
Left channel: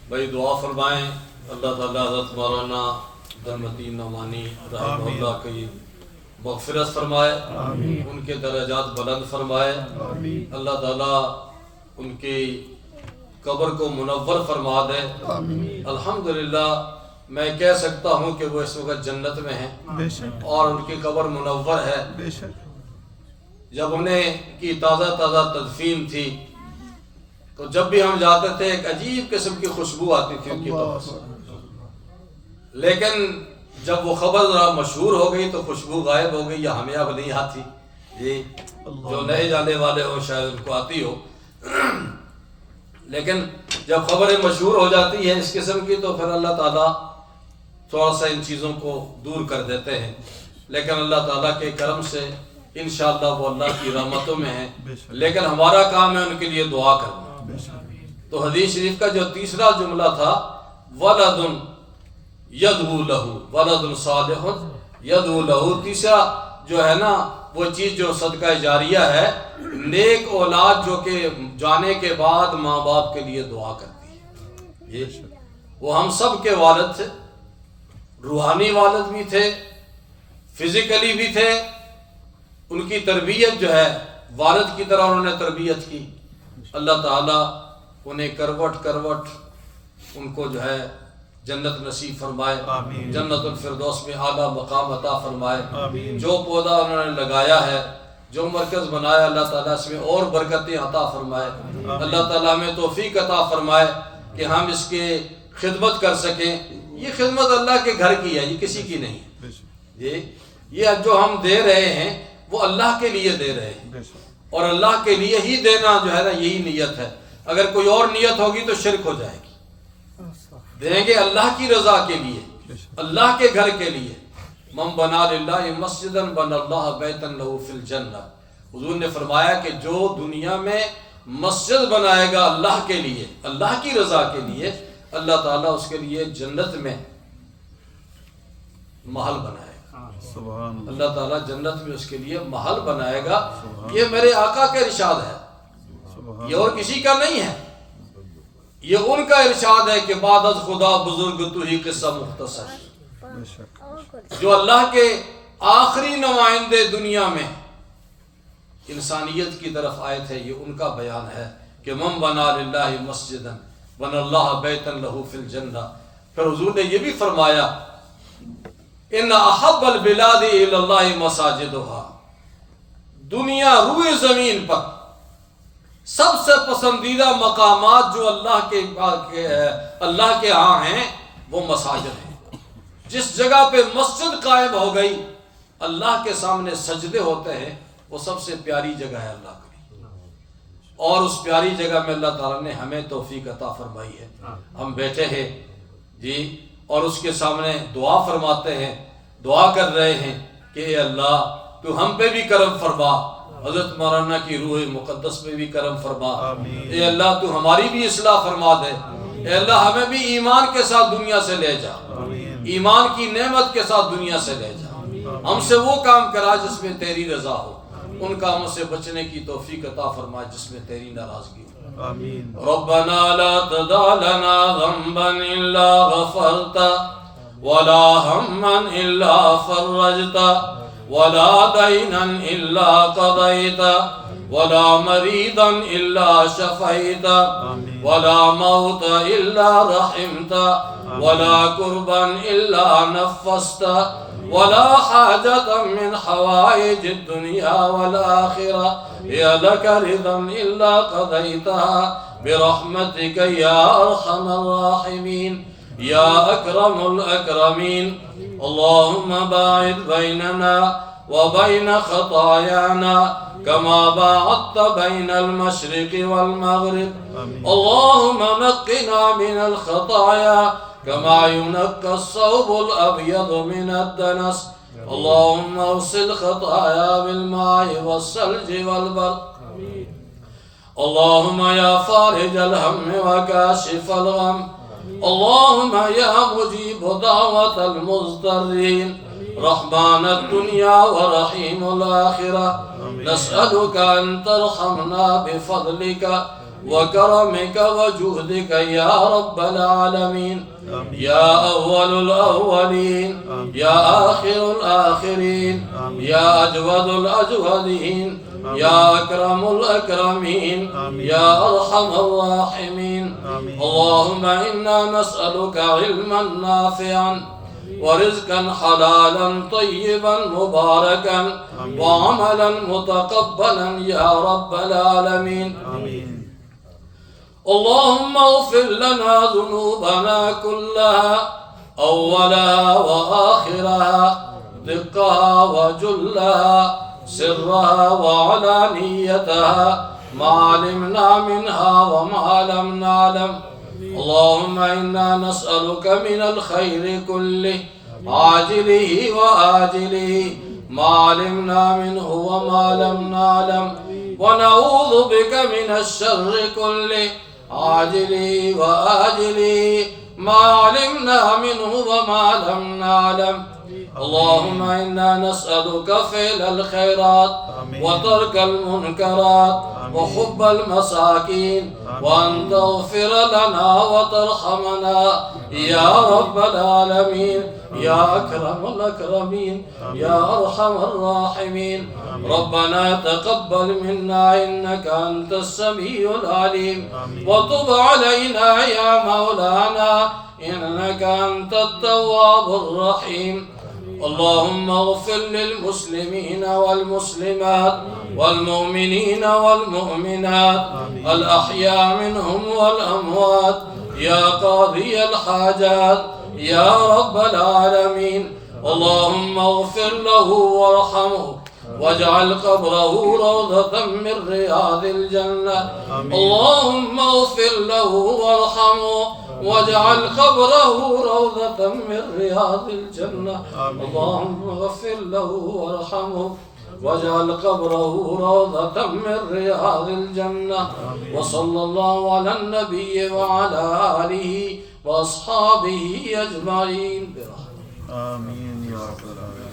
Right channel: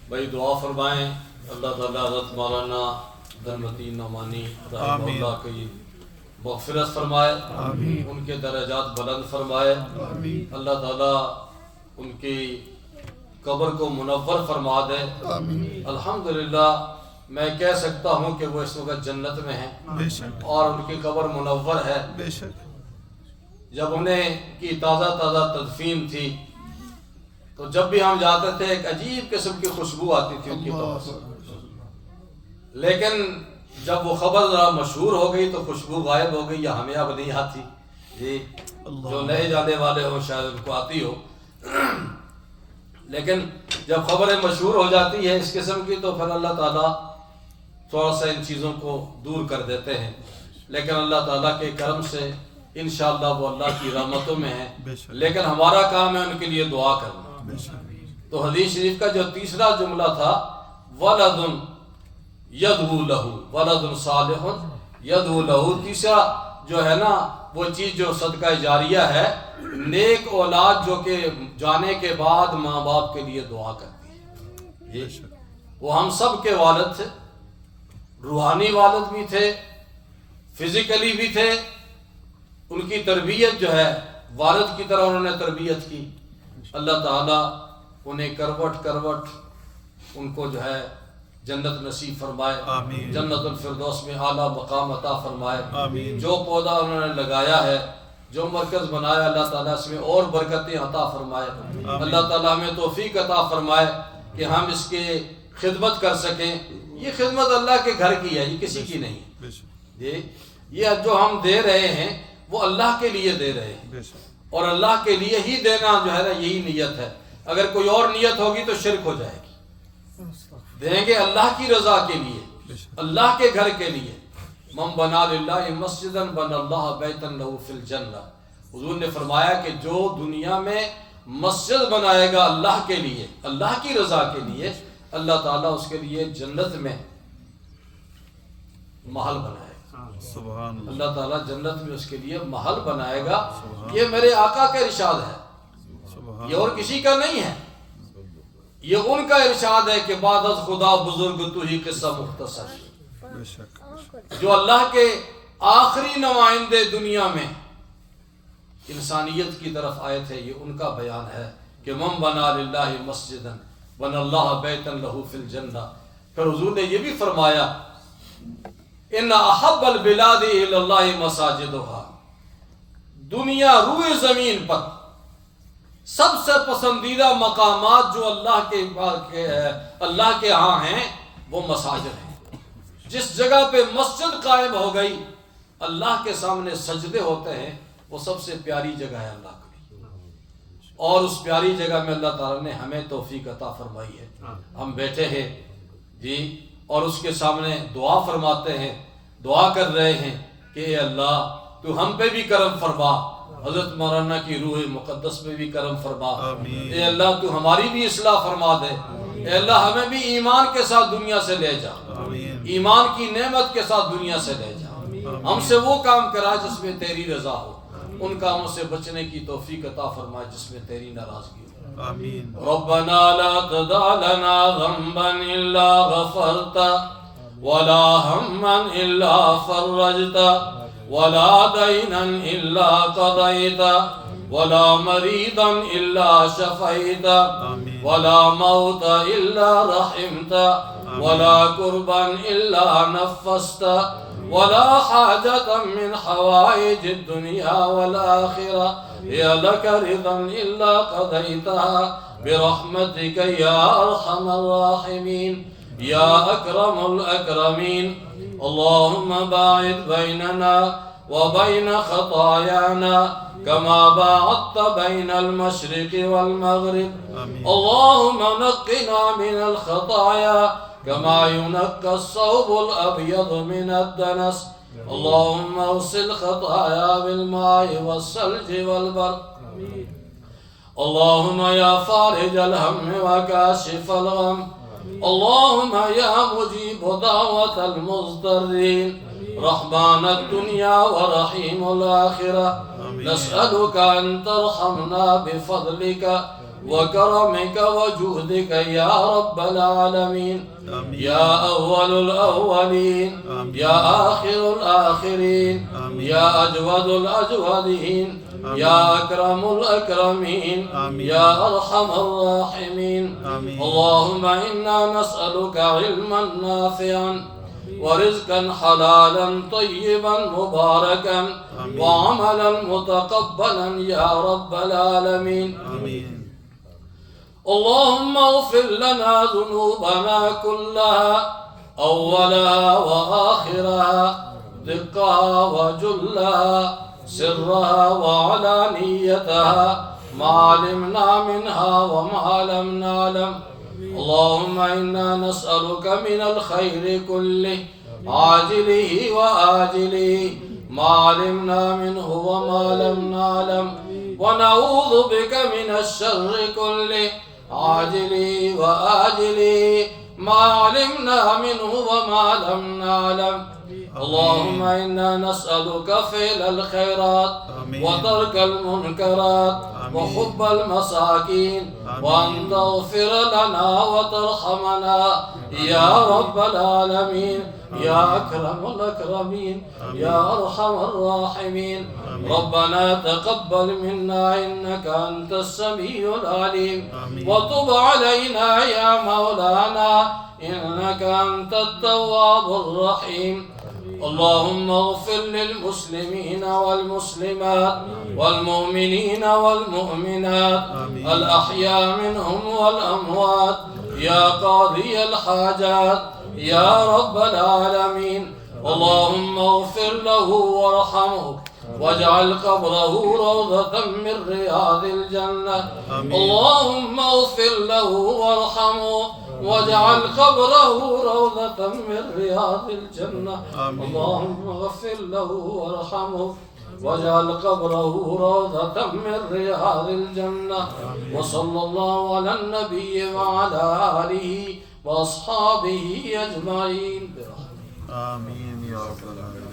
بھائی دعا فرمائیں. اللہ تعالیٰ حضرت مولانا عبدالمتین نعمانی رحمہ اللہ کی مغفرت فرمائے, ان کے درجات بلند فرمائے. اللہ تعالیٰ ان کی قبر کو منور فرما دے. الحمدللہ میں کہہ سکتا ہوں کہ وہ اس وقت جنت میں ہیں اور ان کی قبر منور ہے. جب انہیں کی تازہ تدفین تھی تو جب بھی ہم جاتے تھے ایک عجیب قسم کی خوشبو آتی تھی ان کی قبر سے. لیکن جب وہ خبر ذرا مشہور ہو گئی تو خوشبو غائب ہو گئی, یا ہمیں اب نہیں آتی. یہ جو نئے جانے والے ہو شاید ان کو آتی ہو, لیکن جب خبریں مشہور ہو جاتی ہیں اس قسم کی تو پھر اللہ تعالیٰ تھوڑا سا ان چیزوں کو دور کر دیتے ہیں. لیکن اللہ تعالیٰ کے کرم سے انشاءاللہ وہ اللہ کی رحمتوں میں ہیں. لیکن ہمارا کام ہے ان کے لیے دعا کرنا. تو حدیث شریف کا جو تیسرا جملہ تھا, ولد یدعو لہ, ولد صالح یدعو لہ, تیسرا جو ہے نا وہ چیز جو صدقہ جاریہ ہے, نیک اولاد جو کہ جانے کے بعد ماں باپ کے لیے دعا کرتی ہے. یہ وہ ہم سب کے والد تھے, روحانی والد بھی تھے, فزیکلی بھی تھے. ان کی تربیت جو ہے والد کی طرح انہوں نے تربیت کی. اللہ تعالیٰ انہیں کروٹ کروٹ ان کو جو ہے جنت نصیب فرمائے، جنت الفردوس میں اعلیٰ مقام عطا فرمائے۔ جو پودا انہوں نے لگایا ہے، جو مرکز بنایا، اللہ تعالیٰ اس میں اور برکتیں عطا فرمائے۔ اللہ تعالیٰ ہمیں توفیق عطا فرمائے کہ ہم اس کے خدمت کر سکیں۔ یہ خدمت اللہ کے گھر کی ہے، یہ کسی کی نہیں۔ یہ جو ہم دے رہے ہیں وہ اللہ کے لیے دے رہے ہیں، اور اللہ کے لیے ہی دینا جو ہے نا یہی نیت ہے۔ اگر کوئی اور نیت ہوگی تو شرک ہو جائے گی۔ دیں گے اللہ کی رضا کے لیے، اللہ کے گھر کے لیے۔ من بنا للہ مسجدا بنى اللہ بیتا لہ فی الجنہ۔ حضور نے فرمایا کہ جو دنیا میں مسجد بنائے گا اللہ کے لیے، اللہ کی رضا کے لیے، اللہ تعالیٰ اس کے لیے جنت میں محل بنائے گا۔ اللہ تعالیٰ جنت میں اس کے لیے محل بنائے گا۔ یہ میرے آقا کا ارشاد ہے، یہ اور کسی کا نہیں ہے۔ یہ ان کا ارشاد ہے کہ بعد از خدا بزرگ تو ہی قصہ مختصر۔ جو اللہ کے آخری نمائندے دنیا میں انسانیت کی طرف آئے تھے، یہ ان کا بیان ہے کہ من بنا للہ مسجدا بنى اللہ بیتا لہ فی الجنہ۔ پھر حضور نے یہ بھی فرمایا ان احب البلاد الی اللہ مساجدها۔ دنیا روئے زمین پر سب سے پسندیدہ مقامات جو اللہ کے ہاں ہیں وہ مساجد ہیں۔ جس جگہ پہ مسجد قائم ہو گئی، اللہ کے سامنے سجدے ہوتے ہیں، وہ سب سے پیاری جگہ ہے اللہ کے لیے۔ اور اس پیاری جگہ میں اللہ تعالیٰ نے ہمیں توفیق عطا فرمائی ہے۔ ہم بیٹھے ہیں جی، اور اس کے سامنے دعا فرماتے ہیں، دعا کر رہے ہیں کہ اے اللہ تو ہم پہ بھی کرم فرما، حضرت مولانا کی روح مقدس پہ بھی کرم فرما۔ اے اللہ تو ہماری بھی اصلاح فرما دے۔ اے اللہ ہمیں بھی ایمان کے ساتھ دنیا سے لے جا، ایمان کی نعمت کے ساتھ دنیا سے لے جا۔ ہم سے وہ کام کرا جس میں تیری رضا ہو، ان کاموں سے بچنے کی توفیق عطا فرما جس میں تیری ناراضگی ہو۔ ربنا لا تدع لنا ذنبا الا غفرتا ولا ہما الا فرجتا ولا دینا الا قضیتا ولا مریضا الا شفیتا ولا موتا الا رحمتا ولا كربا إلا نفست ولا حاجة من حوائج الدنيا والآخرة هي لك رضا إلا قضيتها برحمتك يا أرحم الراحمين يا أكرم الأكرمين. اللهم باعد بيننا وبين خطايانا كما باعدت بين المشرق والمغرب. اللهم نقنا من الخطايا كما ينقى الثوب الأبيض من الدنس. اللهم اغسل خطايا بالماء والثلج والبرد. اللهم يا فارج الهم وكاشف الغم. اللهم يا مجيب دعوة المضطرين رحمن الدنيا ورحيم الآخرة، نسألك أن ترحمنا بفضلك وكرمك وجودك يا رب العالمين، يا أول الأولين يا آخر الآخرين يا أجود الأجودين يا أكرم الأكرمين يا أرحم الراحمين. اللهم إنا نسألك علما نافعا ورزقا حلالا طيبا مباركا وعملا متقبلا يا رب العالمين. اللهم اغفر لنا ذنوبنا كلها أولها وآخرها، دقها وجلها، سرها وعلانيتها، ما علمنا منها وما لم نعلم. اللهم إنا نسألك من الخير كله عاجله وآجله ما علمنا منه وما لم نعلم، ونعوذ بك من الشر كله عاجله وآجله ما علمنا منه وما لم نعلم. اللهم إنا نسألك فعل الخيرات وترك المنكرات وحب المساكين، وأن تغفر لنا وترحمنا يا رب العالمين يا أكرم الأكرمين يا أرحم الراحمين. ربنا تقبل منا إنك أنت السميع العليم، وتب علينا يا مولانا إنك أنت التواب الرحيم. اللهم اغفر للمسلمين والمسلمات والمؤمنين والمؤمنات الأحياء منهم والأموات يا قاضي الحاجات يا رب العالمين. اللهم اغفر له وارحمه واجعل قبره روضة من رياض الجنة. اللهم اغفر له وارحمه واجعل قبره روضة من رياض الجنة. اللهم اغفر له وارحمه واجعل قبره روضة من رياض الجنة. وصلى الله على النبي وعلى آله وأصحابه أجمعين. آمين يا رب العالمين.